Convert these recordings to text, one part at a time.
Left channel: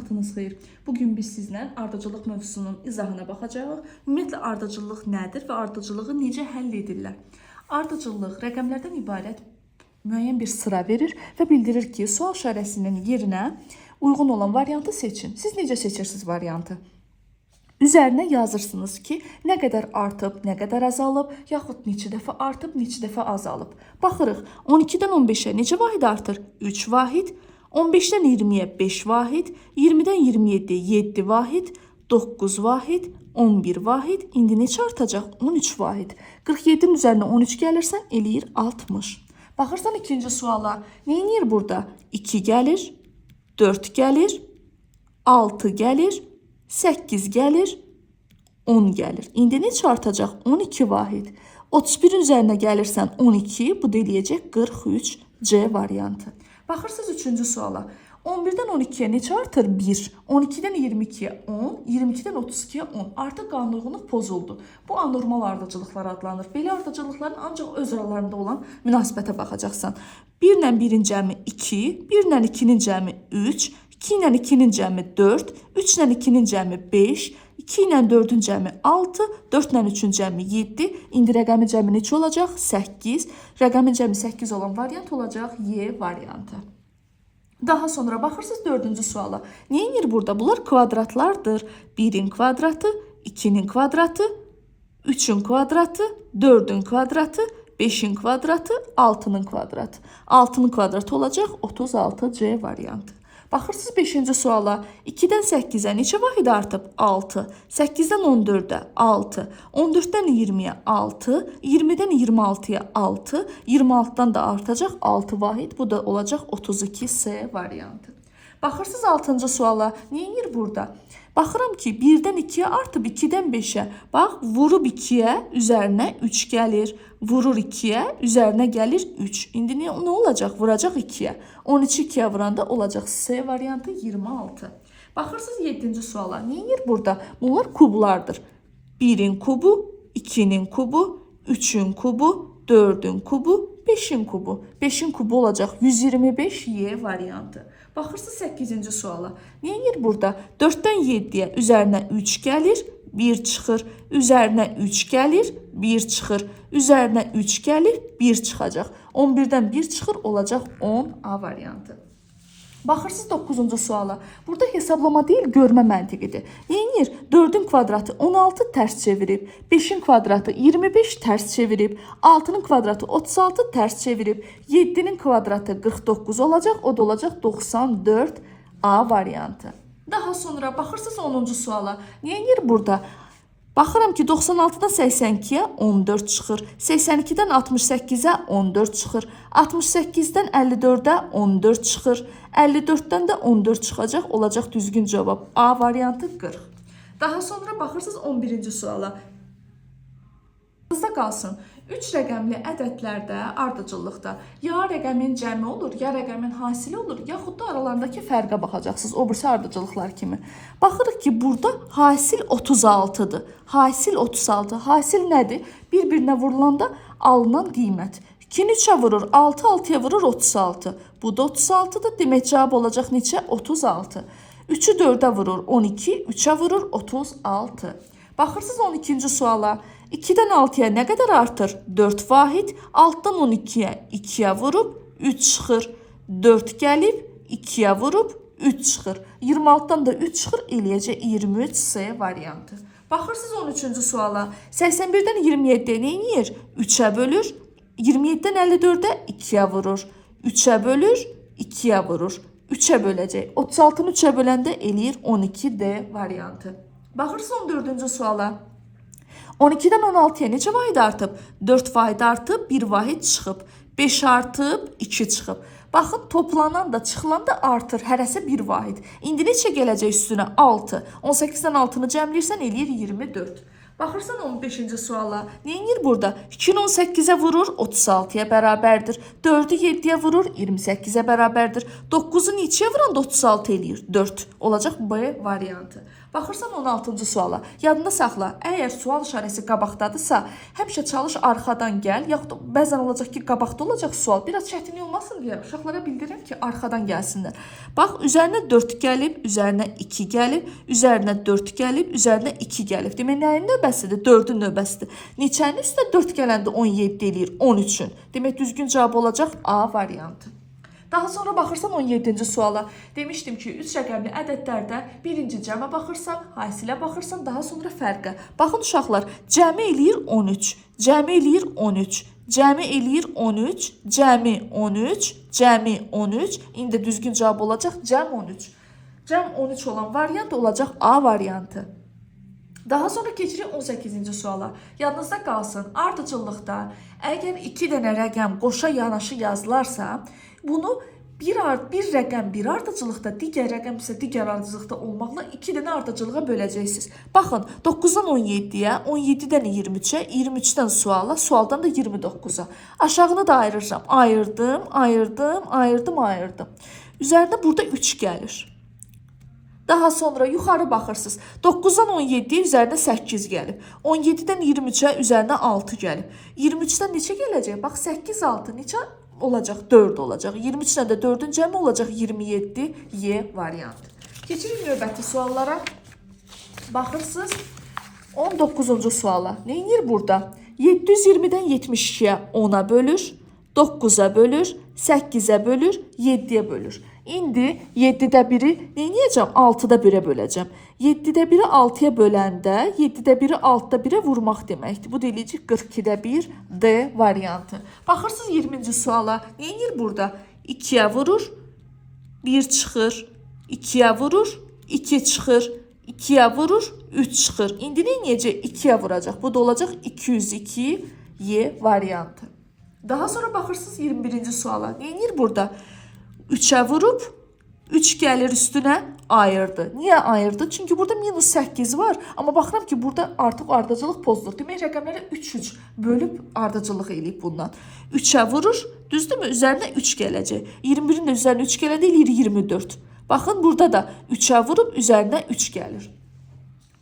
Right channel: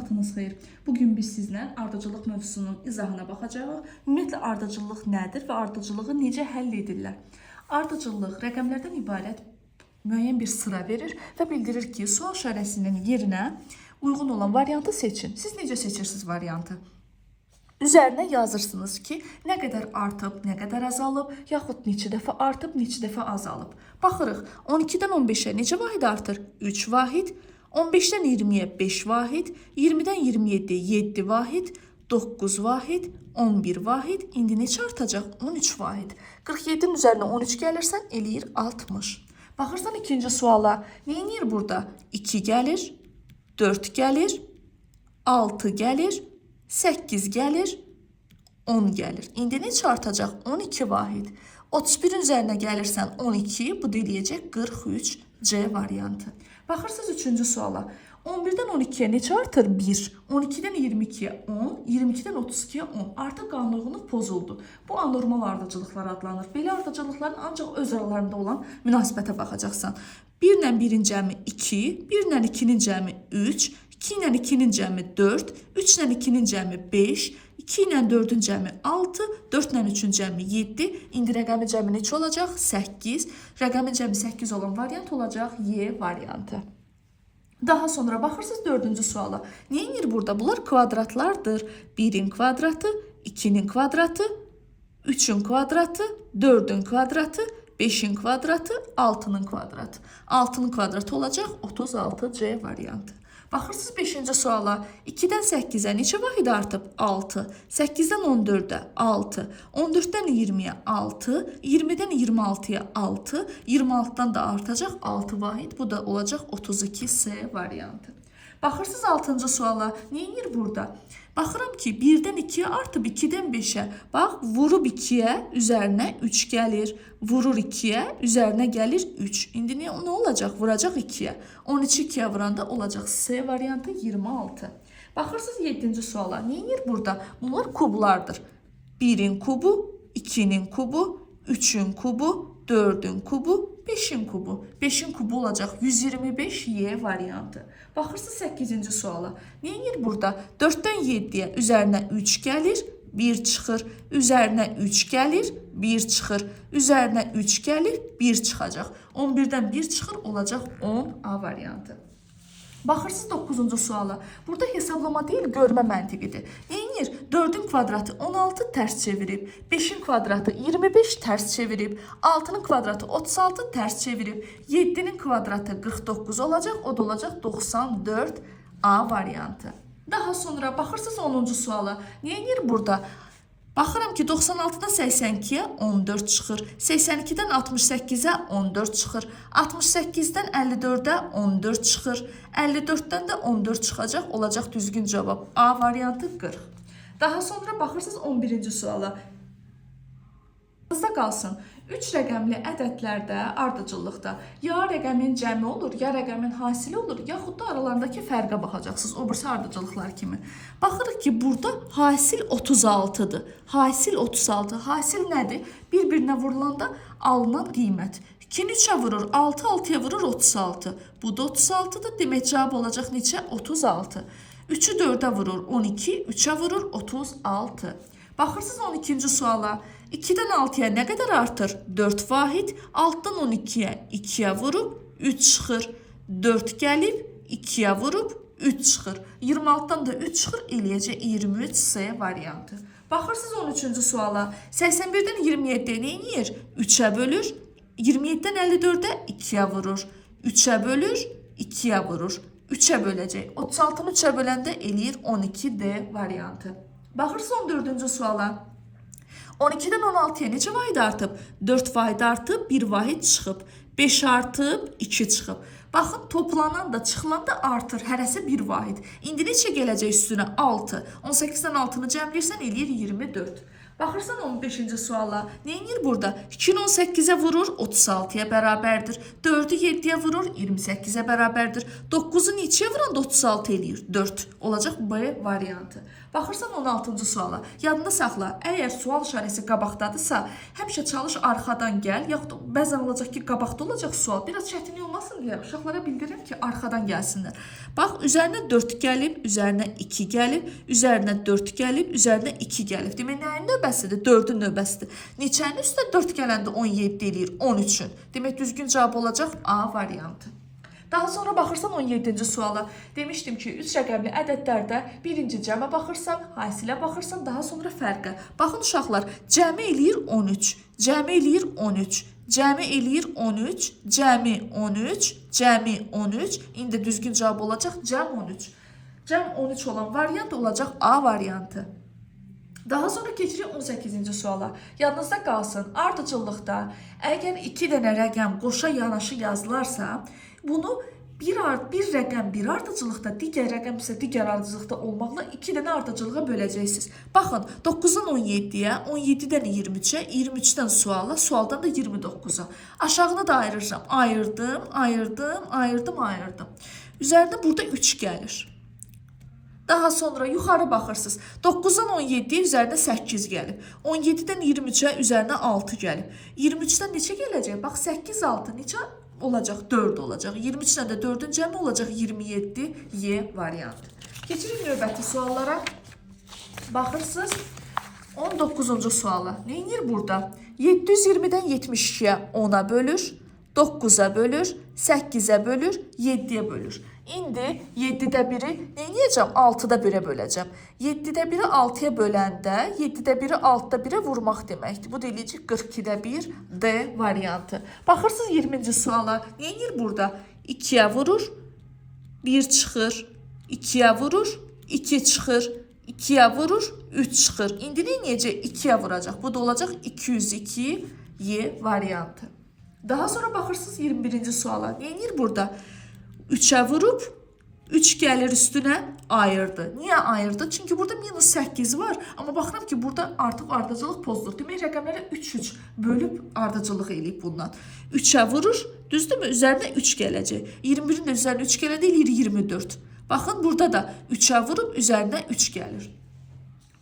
vaxtınız xeyir. Bugün biz sizlə ardıcıllıq mövzusunun izahına baxacağıq. Ümumiyyətlə ardıcıllıq nədir və ardıcıllığı necə həll edirlər? Ardıcıllıq rəqəmlərdən ibarət müəyyən bir sıra verir və bildirir ki, sual işarəsinin yerinə uyğun olan variantı seçin. Siz necə seçirsiniz variantı? Üzərinə yazırsınız ki, nə qədər artıb, nə qədər azalıb, yaxud neçə dəfə artıb, neçə dəfə azalıb. Baxırıq, 12-dən 15-ə necə vahid artır? 3 vahid. 15-dən 20-yə 5 vahid, 20-dən 27-yə 7 vahid, 9 vahid, 11 vahid, indi neçə artacaq? 13 vahid. 47-nin üzərinə 13 gəlirsən, eləyir 60. Baxırsan ikinci suala, nə edir burada? 2 gəlir, 4 gəlir, 6 gəlir, 8 gəlir, 10 gəlir. İndi neçə artacaq? 12 vahid. 31-in üzərinə gəlirsən 12, bu da eləyəcək 43 C variantı. Baxırsınız üçüncü suala. 11-dən 12-yə neçə artır? 1. 12-dən 22-yə 10, 22-dən 32-yə 10. Artıq qanunluq pozuldu. Bu anormal ardıcılıqlar adlanır. Belə ardıcılıqların ancaq öz aralarında olan münasibətə baxacaqsan. 1 ilə 1-in cəmi 2, 1 ilə 2-nin cəmi 3, 2 ilə 2-nin cəmi 4, 3 ilə 2-nin cəmi 5, 2 ilə 4-ün cəmi 6, 4 ilə 3-ün cəmi 7. İndi rəqəmin cəmi neçə olacaq? 8. Rəqəmin cəmi 8 olan variant olacaq Y variantı. Daha sonra baxırsınız dördüncü suala. Nə edir burada? Bunlar kvadratlardır. 1-in kvadratı, 2-nin kvadratı, 3-ün kvadratı, 4-ün kvadratı, 5-in kvadratı, 6-nın kvadratı. 6-nın kvadratı olacaq 36C variantı. Baxırsınız 5-ci suala. 2-dən 8-ə neçə vahid artıb? 6. 8-dən 14-ə 6. 14-dən 20-yə 6. 20-dən 26-ya 6. 26-dan da artacaq 6 vahid. Bu da olacaq 32C variantı. Baxırsınız 6-cı suala. Nə edir burada? Baxıram ki, 1-dən 2-yə artıb 2-dən 5-ə. Bax, vurub 2-yə, üzərinə 3 gəlir. Vurur 2-yə, üzərinə gəlir 3. İndi nə olacaq? Vuracaq 2-yə. 13 2-yə vuranda olacaq C variantı 26. Baxırsınız 7-ci suala. Nə edir burada? Bunlar kublardır. 1-in kubu, 2-nin kubu, 3-ün kubu, 4-ün kubu, 5-in kubu. 5-in kubu olacaq 125Y variantı. Baxırsınız 8-ci suala. Nə edir burada? 4-dən 7-yə üzərinə 3 gəlir, 1 çıxır. Üzərinə 3 gəlir, 1 çıxır. Üzərinə 3 gəlir, 1 çıxacaq. 11-dən 1 çıxır, olacaq 10A variantı. Baxırsınız 9-cu suala. Burada hesablama deyil, görmə məntiqidir. Neyinir? 4-ün kvadratı 16 tərs çevirib, 5-in kvadratı 25 tərs çevirib, 6-nın kvadratı 36 tərs çevirib, 7-nin kvadratı 49 olacaq, o da olacaq 94A variantı. Daha sonra baxırsınız 10-cu suala. Neyinir burada? Baxıram ki, 96-dan 82-yə 14 çıxır, 82-dən 68-ə 14 çıxır, 68-dən 54-ə 14 çıxır, 54-dən də 14 çıxacaq, olacaq düzgün cavab. A variantı 40. Daha sonra baxırsınız 11-ci suala. Aklınızda qalsın, 3 rəqəmli ədədlərdə, ardıcıllıqda ya rəqəmin cəmi olur, ya rəqəmin hasili olur, yaxud da aralarındakı fərqə baxacaqsınız, o birisi ardıcıllıqlar kimi. Baxırıq ki, burada hasil 36-dır. Hasil 36. Hasil nədir? Bir-birinə vurulanda alınan qiymət. 2-ni 3-ə vurur, 6 6-ya vurur 36. Bu da 36-dır. Demək cavab olacaq neçə? 36. 3-ü 4-ə vurur 12, 3-ə vurur 36. Baxırsınız 12-ci suala. 2-dən 6-ya nə qədər artır? 4 vahid. 6-dan 12-yə 2-yə vurub 3 çıxır. 4 gəlib 2-yə vurub 3 çıxır. 26-dan da 3 çıxır, eləyəcək 23C variantı. Baxırsınız 13-cü suala. 81-dən 27-yə nə edir? 3-ə bölür. 27-dən 54-ə 2-yə vurur. 3-ə bölür, 2-yə vurur. 3-ə böləcək. 36-nı 3-ə böləndə eləyir 12D variantı. Baxırsınız 14-cü suala. 12-dən 16-ya necə vahid artıb? 4 vahid artıb, 1 vahid çıxıb. 5 artıb, 2 çıxıb. Baxın, toplanan da, çıxılan da artır. Hərəsi 1 vahid. İndi neçə gələcək üstünə? 6. 18-dən 6-nı cəmləyirsən, eləyir 24. Baxırsan 15-ci suala. Neyinir burada? 2-ni 18-ə vurur, 36-ya bərabərdir. 4-ü 7-yə vurur, 28-ə bərabərdir. 9-u neçəyə vuranda 36 eləyir? 4. Olacaq B variantı. Baxırsan 16-cı suala. Yadında saxla. Əgər sual işarəsi qabaqdadırsa, həmişə çalış arxadan gəl, yaxud da bəzən olacaq ki, qabaqda olacaq sual. Biraz çətinlik olmasın deyə uşaqlara bildirirəm ki, arxadan gəlsinlər. Bax, üzərinə 4 gəlib, üzərinə 2 gəlib, üzərinə 4 gəlib, üzərinə 2 gəlib. Demək, nəyin növbəsidir? 4-ün növbəsidir. Neçənin üstünə 4 gələndə 17 eləyir? 13-ün. Demək, düzgün cavab olacaq A variantı. Daha sonra baxırsan 17-ci suala. Demişdim ki, 3 rəqəmli ədədlərdə birinci cəmə baxırsan, hasilə baxırsan, daha sonra fərqə. Baxın uşaqlar, cəmi eləyir 13, cəmi eləyir 13, cəmi eləyir 13, cəmi 13, cəmi 13. İndi düzgün cavab olacaq cəm 13. Cəm 13 olan variant olacaq A variantı. Daha sonra keçirik 18-ci suala. Yadınızda qalsın, ardıcıllıqda əgər 2 dənə rəqəm qoşa yanaşı yazılarsa, bunu bir rəqəm bir ardıcılıqda, digər rəqəm isə digər ardıcılıqda olmaqla 2 dənə ardıcılığa böləcəksiniz. Baxın, 9-dan 17-yə, 17-dən 23-ə, 23-dən suala, sualdan da 29-a. Aşağını da ayırıram. Ayırdım, ayırdım, ayırdım, ayırdım. Üzərində burada 3 gəlir. Daha sonra yuxarı baxırsınız. 9-dan 17-yə üzərinə 8 gəlib. 17-dən 23-ə üzərinə 6 gəlib. 23-dən neçə gələcək? Bax, 8, 6 neçə olacaq? 4 olacaq. 23-dən də 4-ün cəmi olacaq 27 Y variantı. Keçirik növbəti suallara. Baxırsınız 19-cu suala. Neyinir burada? 720-dən 72-yə 10-a bölür, 9-a bölür, 8-ə bölür, 7-yə bölür. İndi 7-də 1-i neyəcəm? 6-da 1-ə böləcəm. 7-də 1-i 6-ya böləndə 7-də 1-i 6-da 1-ə vurmaq deməkdir. Bu deyiləcək 42-də 1 D variantı. Baxırsınız 20-ci suala. Neyinir burada? 2-yə vurur, 1 çıxır, 2-yə vurur, 2 çıxır, 2-yə vurur, 3 çıxır. İndi neyəcək? 2-yə vuracaq. Bu da olacaq 202 Y variantı. Daha sonra baxırsınız 21-ci suala. Neyinir burada? 3'ə vurub, 3 gəlir üstünə ayırdı. Niyə ayırdı? Çünki burada minus 8 var. Amma baxıram ki, burada artıq ardıcılıq pozulur. Demək, rəqəmləri 3-3 bölüb ardıcılıq eləyib bundan. 3'ə vurur, düzdürmü? Üzərinə 3 gələcək. 21-in də üzərinə 3 gələndə eləyir 24. Baxın, burada da 3'ə vurub, üzərinə 3 gəlir.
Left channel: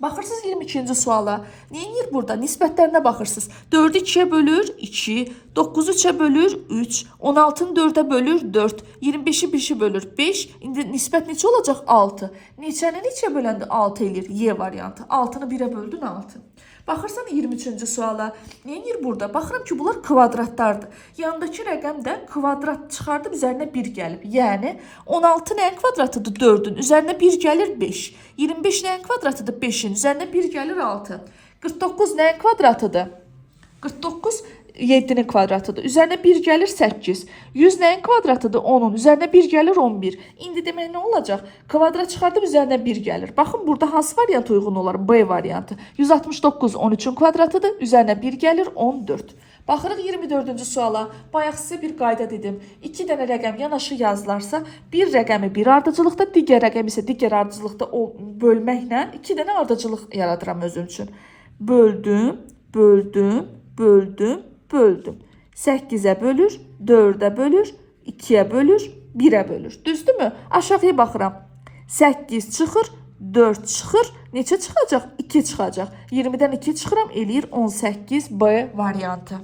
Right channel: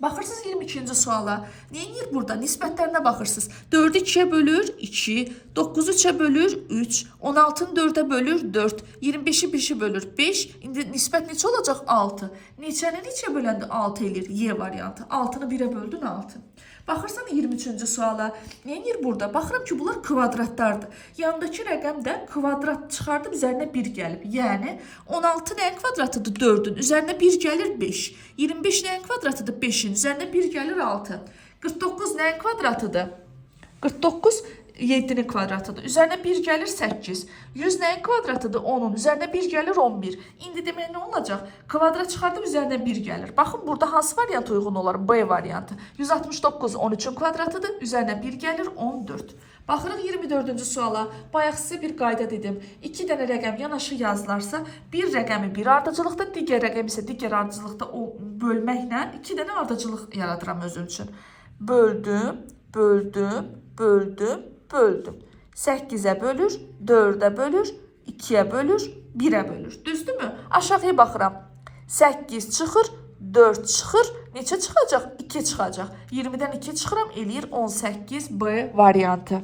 Baxırsınız 22-ci suala. Neyinir burada? Nisbətlərinə baxırsınız. 4-ü 2-yə bölür 2, 9-u 3-ə bölür 3, 16-nı 4-ə bölür 4, 25-i 5-ə bölür 5. İndi nisbət neçə olacaq? 6. Neçəni neçəyə böləndə 6 eləyir? Y variantı. 6-nı 1-ə böldün 6. Baxırsan 23-cü suala. Neyinir burada? Baxıram ki, bunlar kvadratlardır. Yanındakı rəqəm də kvadrat çıxardıb üzərinə 1 gəlib. Yəni 16 nəyin kvadratıdır? 4-ün. Üzərinə 1 gəlir 5. 25 nəyin kvadratıdır? 5-in. Üzərinə 1 gəlir 6. 49 nəyin kvadratıdır? 49 7-nin kvadratıdır. Üzərinə 1 gəlir 8. 100 nəyin kvadratıdır? 10-un. Üzərinə 1 gəlir 11. İndi demək nə olacaq? Kvadrat çıxardıb üzərinə 1 gəlir. Baxın, burada hansı variant uyğun olar? B variantı. 169 13-ün kvadratıdır. Üzərinə 1 gəlir 14. Baxırıq 24-cü suala. Bayaq sizə bir qayda dedim. 2 dənə rəqəm yanaşı yazılarsa, bir rəqəmi bir ardıcılıqda, digər rəqəm isə digər ardıcılıqda bölməklə 2 dənə ardıcılıq yaradıram özüm üçün. Böldüm, böldüm, böldüm, böldüm. 8-ə bölür, 4-ə bölür, 2-yə bölür, 1-ə bölür. Düzdürmü? Aşağıya baxıram. 8 çıxır, 4 çıxır. Neçə çıxacaq? 2 çıxacaq. 20-dən 2 çıxıram, eləyir 18 B variantı.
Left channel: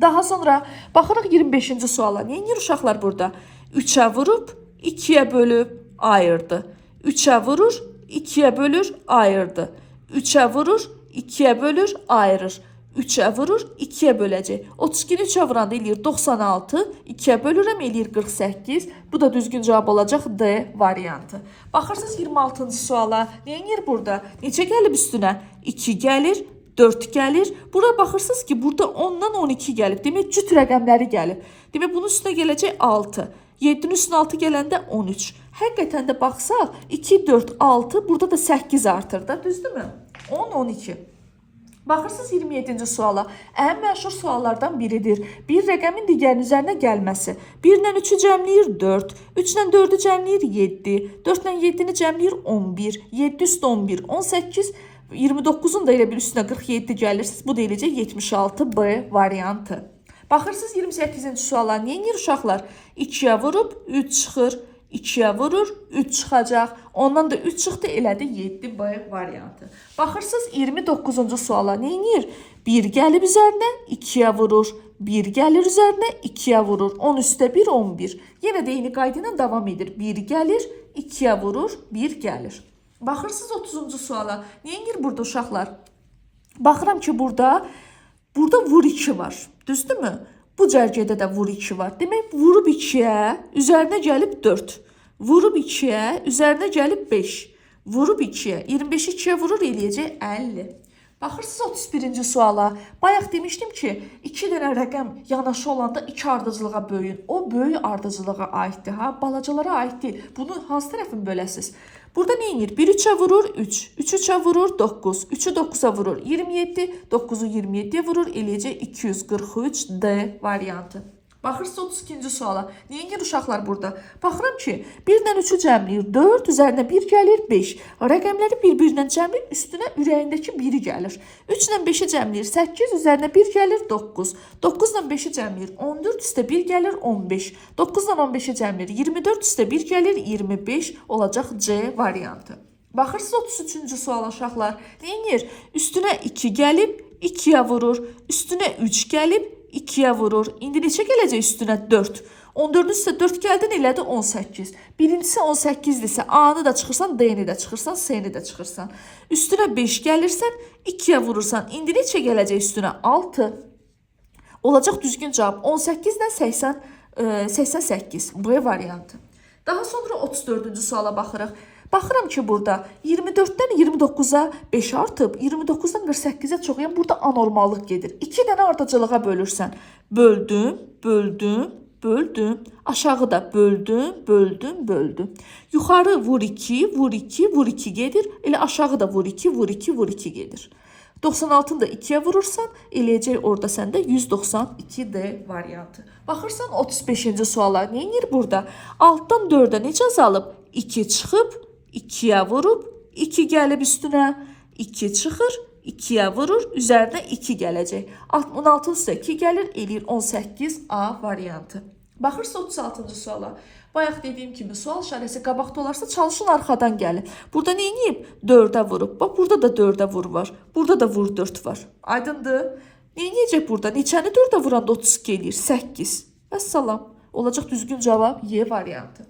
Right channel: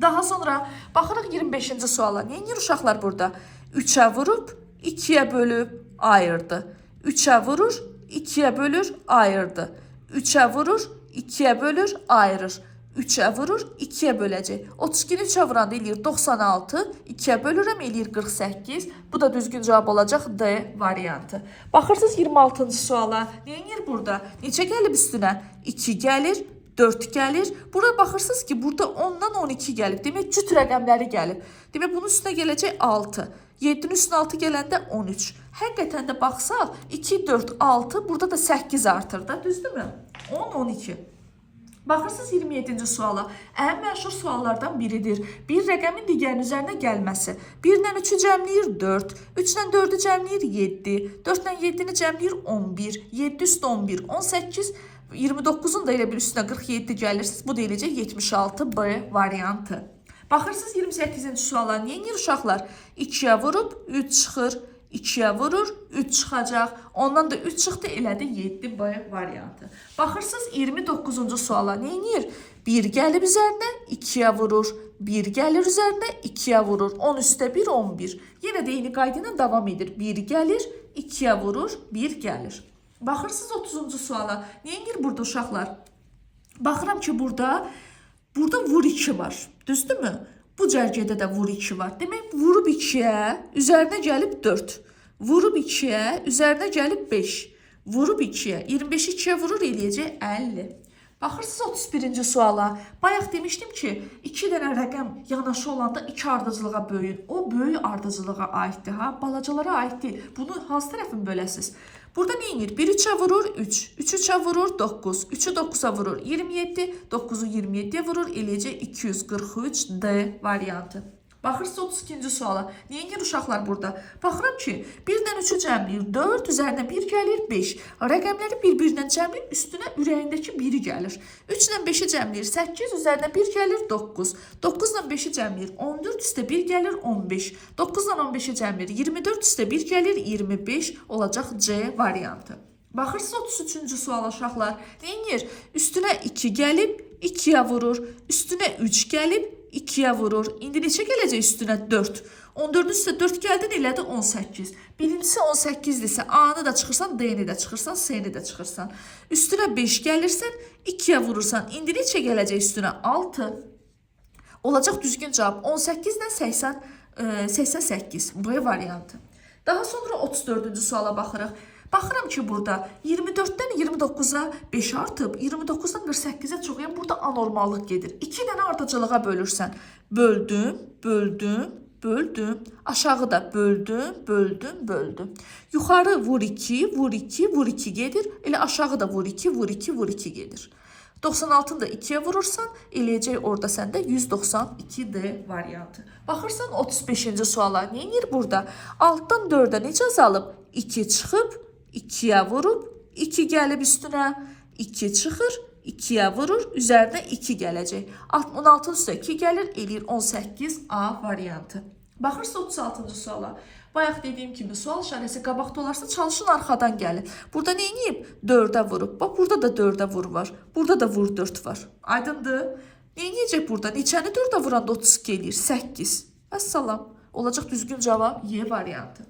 Daha sonra baxırıq 25-ci suala. Neyinir uşaqlar burada? 3-ə vurub, 2-yə bölüb, ayırdı. 3-ə vurur, 2-yə bölür, ayırdı. 3-ə vurur, 2-yə bölür, ayırır. 3-ə vurur, 2-yə böləcək. 32-ni 3-ə vuranda eləyir 96, 2-yə bölürəm eləyir 48. Bu da düzgün cavab olacaq D variantı. Baxırsınız 26-cı suala. Neyinir burada? Neçə gəlib üstünə? 2 gəlir, 4 gəlir. Bura baxırsınız ki, burada 10-dan 12 gəlib. Demək, cüt rəqəmləri gəlib. Demək, bunun üstünə gələcək 6. 7-nin üstünə 6 gələndə 13. Həqiqətən də baxsaq, 2, 4, 6, burada da 8 artır da, düzdürmü? 10, 12. Baxırsınız 27-ci suala. Ən məşhur suallardan biridir. Bir rəqəmin digərinin üzərinə gəlməsi. 1-dən 3-ü cəmləyir 4, 3-dən 4-ü cəmləyir 7, 4-dən 7-ni cəmləyir 11, 7 üstə 11, 18 29-un da elə bir üstünə 47 gəlirsiniz. Bu da eləcək 76B variantı. Baxırsınız 28-ci suala. Niyə edir uşaqlar? 2-yə vurub 3 çıxır. 2-yə vurur 3 çıxacaq. Ondan da 3 çıxdı, elədi 7B variantı. Baxırsınız 29-cu suala. Niyə edir? 1 gəlib üzərinə 2-yə vurur. 1 gəlir üzərinə 2-yə vurur. 10 üstə 1, 11. Yenə də eyni qayda ilə davam edir. 1 gəlir, 2-yə vurur, 1 gəlir. Baxırsınız 30-cu suala. Niyə edir burada uşaqlar? Baxıram ki, burada vur 2 var. Düzdürmü? Bu cərgədə də vur 2 var. Demək, vurub 2-yə, üzərinə gəlib 4. Vurub 2-yə, üzərinə gəlib 5. Vurub 2-yə, 25-i 2-yə vurur, eləyəcək 50. Baxırsınız 31-ci suala. Bayaq demişdim ki, 2 dənə rəqəm yanaşı olanda 2 ardıcılığa bölün. O böyük ardıcılığa aiddir, balacalara aid deyil. Bunu hansı tərəfin böləsiz? Burada nə edir? 1 3-ə vurur 3, 3 3-ə vurur 9, 3-ü 9-a vurur 27, 9-u 27-yə vurur, eləyəcək 243D variantı. Baxırsınız 32-ci suala. Niyə edir uşaqlar burada? Baxıram ki, 1-dən 3-ü cəmləyir 4, üzərinə 1 gəlir 5. Rəqəmləri bir-birindən cəmləyir, üstünə ürəyindəki 1-i gəlir. 3-dən 5-i cəmləyir 8, üzərinə 1 gəlir 9. 9-dan 5-i cəmləyir 14, üstə 1 gəlir 15. 9-dan 15-i cəmləyir 24, üstə 1 gəlir 25, olacaq C variantı. Baxırsınız 33-cü suala uşaqlar. Nə edir? Üstünə 2 gəlib 2-yə vurur, üstünə 3 gəlib 2-yə vurur. İndi neçə gələcək üstünə? 4. 14-ün üstə 4 gəldin, elədi 18. Birincisi 18-dirsə, A-nı da çıxırsan, D-ni də çıxırsan, S-ni də çıxırsan. Üstünə 5 gəlirsən, 2-yə vurursan. İndi neçə gələcək üstünə? 6. Olacaq düzgün cavab 18-dən 88. B variantı. Daha sonra 34-cü suala baxırıq. Baxıram ki, burada 24-dən 29-a 5 artıb, 29-dan 48-ə çox, yəni burada anormallıq gedir. 2 dənə ardıcılığa bölürsən. Böldüm, böldüm, böldüm. Aşağıda böldüm, böldüm, böldüm. Yuxarı vur 2, vur 2, vur 2 gedir. Elə aşağıda vur 2, vur 2, vur 2 gedir. 96-ını da 2-yə vurursan, eləyəcək orada səndə 192D variantı. Baxırsan 35-ci suala. Nə edir burada? Altdan 4-ə necə azalıb? 2 çıxıb, 2-yə vurub, 2 gəlib üstünə, 2 çıxır, 2-yə vurur, üzərinə 2 gələcək. 66 üstə 2 gəlir, eləyir 18A variantı. Baxırsınız 36-cı suala. Bayaq dediyim kimi sual işarəsi qabaqda olarsa çalışın arxadan gəlir. Burada nə edib? 4-ə vurub. Bax, burada da 4-ə vur var. Burada da vur 4 var. Aydındır? Nə edəcək burada? Neçəni 4-ə vuranda 32 eləyir? 8. Vəssalam. Olacaq düzgün cavab Y variantı.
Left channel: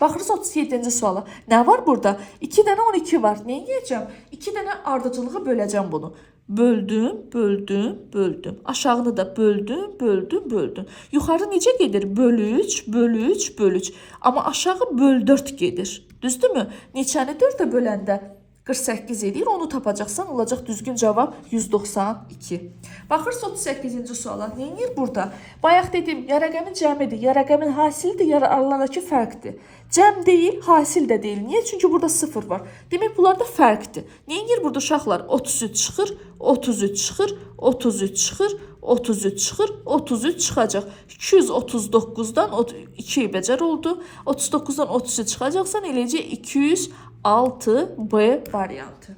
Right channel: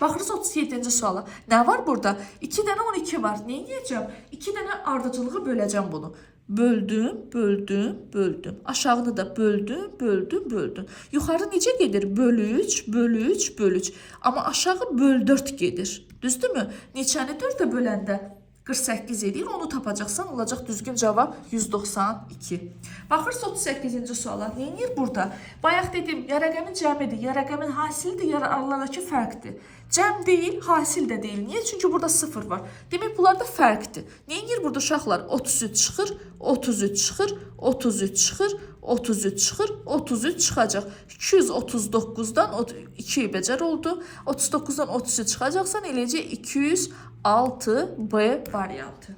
Baxırız 37-ci suala. Nə var burada? 2 dənə 12 var. Nə edəcəm? 2 dənə ardıcılığı böləcəm bunu. Böldüm, böldüm, böldüm. Aşağını da böldüm, böldüm, böldüm. Yuxarı necə gedir? Bölü 3, bölü 3, bölü 3. Amma aşağı böl 4 gedir. Düzdürmü? Neçəni 4-ə böləndə 48 edir. Onu tapacaqsan, olacaq düzgün cavab 192. Baxırsınız 38-ci suala. Nə edir burada? Bayaq dedim, ya rəqəmin cəmidir, ya rəqəmin hasilidir, ya aralarındakı fərqdir. Cəm deyil, hasil də deyil. Niyə? Çünki burada 0 var. Demək, bunlarda fərqdir. Nə edir burada uşaqlar? 33 çıxır, 33 çıxır, 33 çıxır, 33 çıxır, 33 çıxacaq. 239-dan 2 bəcər oldu. 39-dan 33 çıxacaqsan, eləyəcək 206B variantı.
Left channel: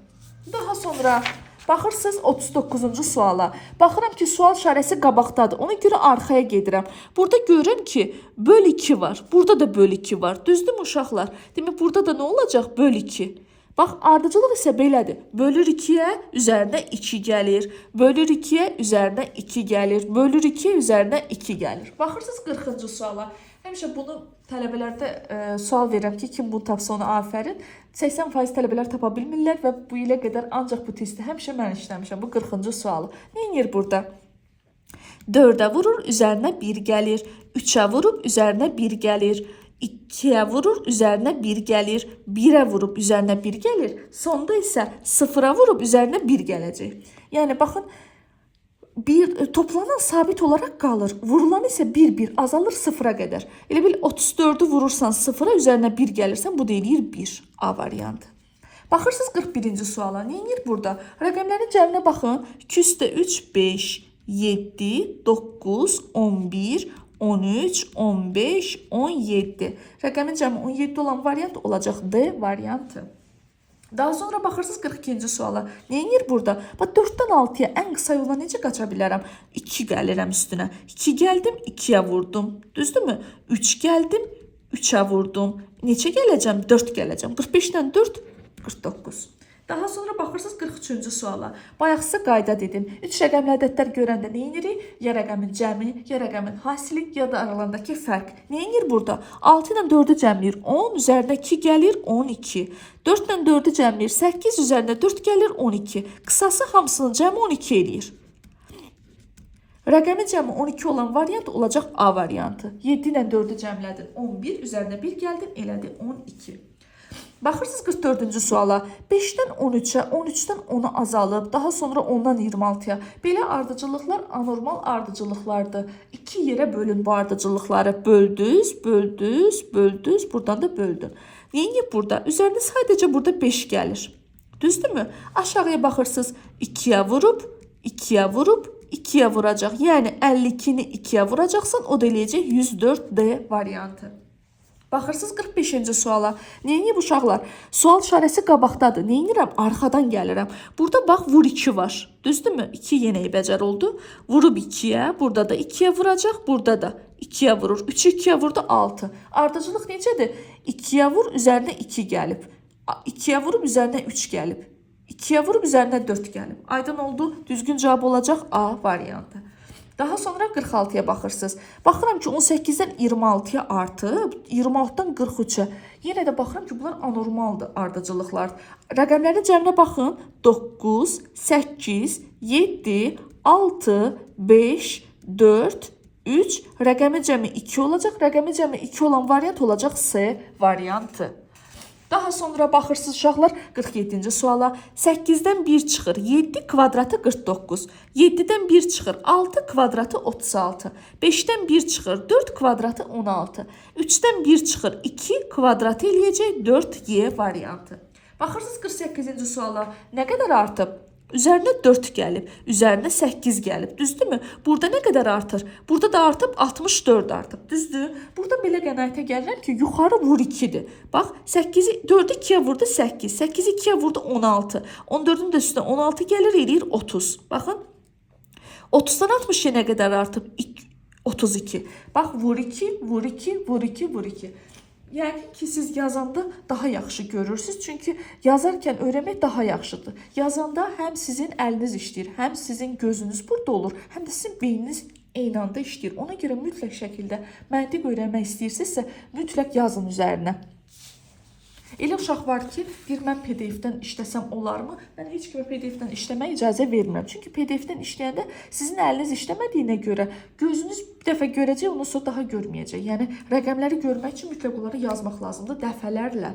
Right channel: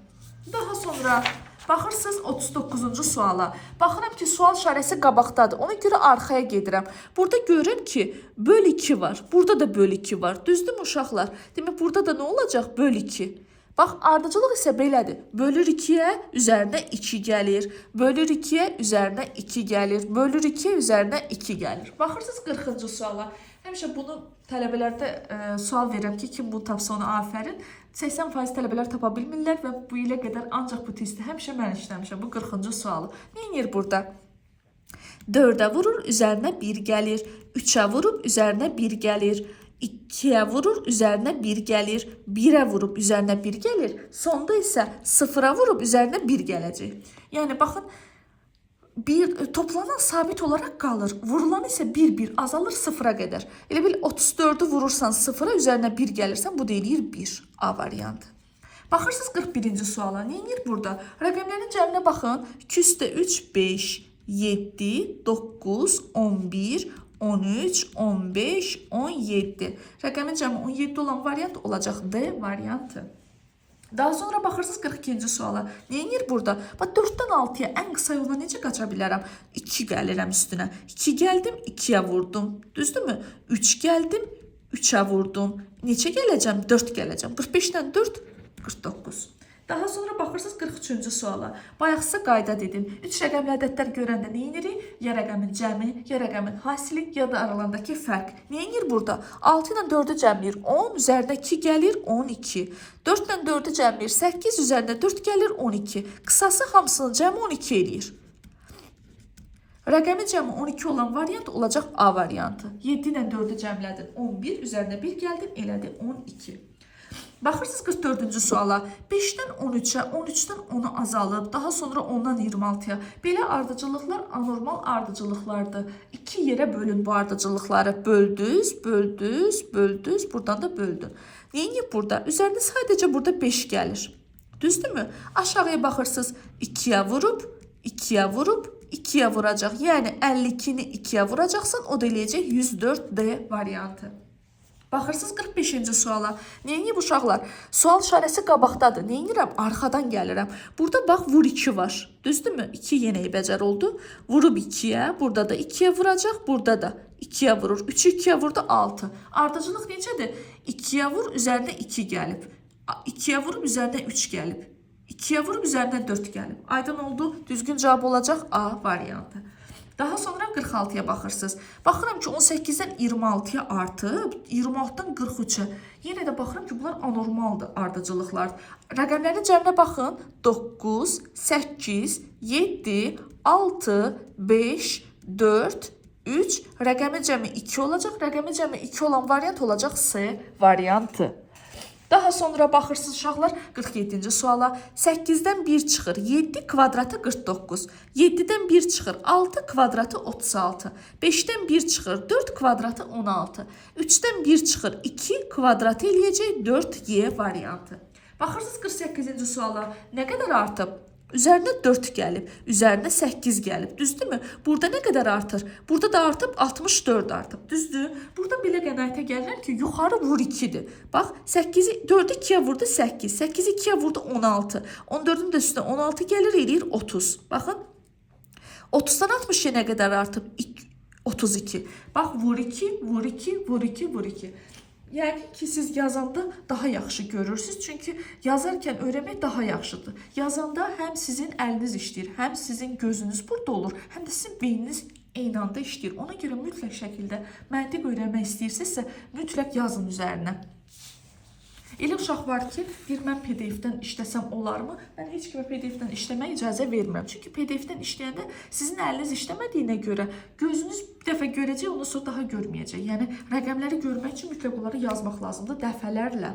Daha sonra baxırsınız 39-cu suala. Baxıram ki, sual işarəsi qabaqdadır. Ona görə arxaya gedirəm. Burada görürəm ki, böl 2 var. Burada da böl 2 var. Düzdürmü uşaqlar? Demək, burada da nə olacaq? Böl 2. Bax, ardıcılıq isə belədir. Bölür 2-yə, üzərinə 2 gəlir. Bölür 2-yə, üzərinə 2 gəlir. Bölür 2-yə, üzərinə 2 gəlir. Baxırsınız 40-cı suala. Həmişə bunu tələbələrdə sual verirəm ki, kim bunu tapsa ona afərin. 80% tələbələr tapa bilmirlər və bu ilə qədər ancaq bu testi həmişə mən işləmişəm. Bu 40-cı sualı. Nə edir burada? 4-ə vurur, üzərinə 1 gəlir. 3-ə vurub, üzərinə 1 gəlir. 2-yə vurur, üzərinə 1 gəlir. 1-ə vurub, üzərinə 1 gəlir. Sonda isə 0-a vurub, üzərinə 1 gələcək. Yəni, baxın, toplanan sabit olaraq qalır. Vurulan isə 1-1 azalır 0-a qədər. Elə bil 34-ü vurursan 0-a, üzərinə 1 gəlirsən, bu deyir 1. A variantı. Baxırsınız 41-ci suala. Nə edir burada? Rəqəmlərin cəminə baxın. 2 üstə 3, 5, 7, 9, 11, 13, 15, 17. Rəqəmin cəmi 17 olan variant olacaq D variantı. Daha sonra baxırsınız 42-ci suala. Neyinir burada? Bax 4-dən 6-ya ən qısa yolla necə qaça bilərəm? 2 gəlirəm üstünə. 2 gəldim, 2-yə vurdum. Düzdürmü? 3 gəldim, 3-ə vurdum. Neçə gələcəm? 4 gələcəm. 45-dən 4 49. Daha sonra baxırsınız 43-cü suala. Bayaq sizə qayda dedim. 3 rəqəmli ədədlər görəndə nə edirik? Ya rəqəmin cəmi, ya rəqəmin hasili, ya da aralarındakı fərq. Nə edir burada? 6 ilə 4-ü cəmləyir. 10 üzərinə 2 gəlir 12. 4 ilə 4-ü cəmləyir. 8 üzərinə 4 gəlir 12. Qısası hamısının cəmi 12 eləyir. Rəqəmin cəmi 12 olan variant olacaq A variantı. 7 ilə 4-ü cəmlədin 11, üzərinə 1 gəldin, elədi 12. Baxırsınız 44-cü suala. 5-dən 13-ə, 13-dən 10-a azalıb, daha sonra 10-dan 26-ya. Belə ardıcıllıqlar anormal ardıcıllıqlardır. 2 yerə bölün bu ardıcıllıqları. Böldünüz, böldünüz, böldünüz, buradan da böldün. Neyini burada? Üzərində sadəcə burada 5 gəlir. Düzdürmü? Aşağıya baxırsınız. 2-yə vurub, 2-yə vurub, 2-yə vuracaq. Yəni 52-ni 2-yə vuracaqsan, o da eləyəcək 104D variantı. Baxırsınız 45-ci suala. Neyini uşaqlar? Sual işarəsi qabaqdadır. Neyinirəm? Arxadan gəlirəm. Burada bax vur 2 var. Düzdürmü? 2 yenə bəcər oldu. Vurub 2-yə, burada da 2-yə vuracaq, burada da 2-yə vurur. 3-ü 2-yə vurdu 6. Ardıcılıq necədir? 2-yə vur, üzərinə 2 gəlib. 2-yə vurub, üzərinə 3 gəlib. 2-yə vurub, üzərinə 4 gəlib. Aydın oldu. Düzgün cavab olacaq A variantı. Daha sonra 46-ya baxırsınız. Baxıram ki 18-dən 26-ya artıb, 26-dan 43-ə. Yenə də baxıram ki bunlar anormaldır ardıcıllıqlar. Rəqəmlərin cəminə baxın. 9, 8, 7, 6, 5, 4, 3. Rəqəmin cəmi 2 olacaq. Rəqəmin cəmi 2 olan variant olacaq C variantı. Daha sonra baxırsınız uşaqlar 47-ci suala. 8-dən 1 çıxır 7 kvadratı 49. 7-dən 1 çıxır 6 kvadratı 36. 5-dən 1 çıxır 4 kvadratı 16. 3-dən 1 çıxır 2 kvadratı eləyəcək 4Y variantı. Baxırsınız 48-ci suala. Nə qədər artıb? Üzərinə 4 gəlib, üzərinə 8 gəlib, düzdürmü? Burada nə qədər artır? Burada da artıb 64 artıb, düzdür? Burada belə qənaətə gəlirlər ki, yuxarı vur 2-dir. Bax, 8-i 4-ü 2-yə vurdu 8, 8-i 2-yə vurdu 16, 14-ün də üstünə 16 gəlir, eləyir 30. Baxın, 30-dan 60-ya nə qədər artıb? 32. Bax, vur 2, vur 2, vur 2, vur 2. Yəni ki, siz yazanda daha yaxşı görürsünüz. Çünki yazarkən öyrənmək daha yaxşıdır. Yazanda həm sizin əliniz işləyir, həm sizin gözünüz burada olur, həm də sizin beyniniz eyni anda işləyir. Ona görə mütləq şəkildə məntiq öyrənmək istəyirsinizsə, mütləq yazın üzərinə. Elə uşaq var ki, deyir, mən PDF-dən işləsəm olarmı? Mən heç kimə PDF-dən işləməyə icazə vermirəm. Çünki PDF-dən işləyəndə sizin əliniz işləmədiyinə görə gözünüz bir dəfə görəcək, ondan sonra daha görməyəcək. Yəni, rəqəmləri görmək üçün mütləq onları yazmaq lazımdır dəfələrlə.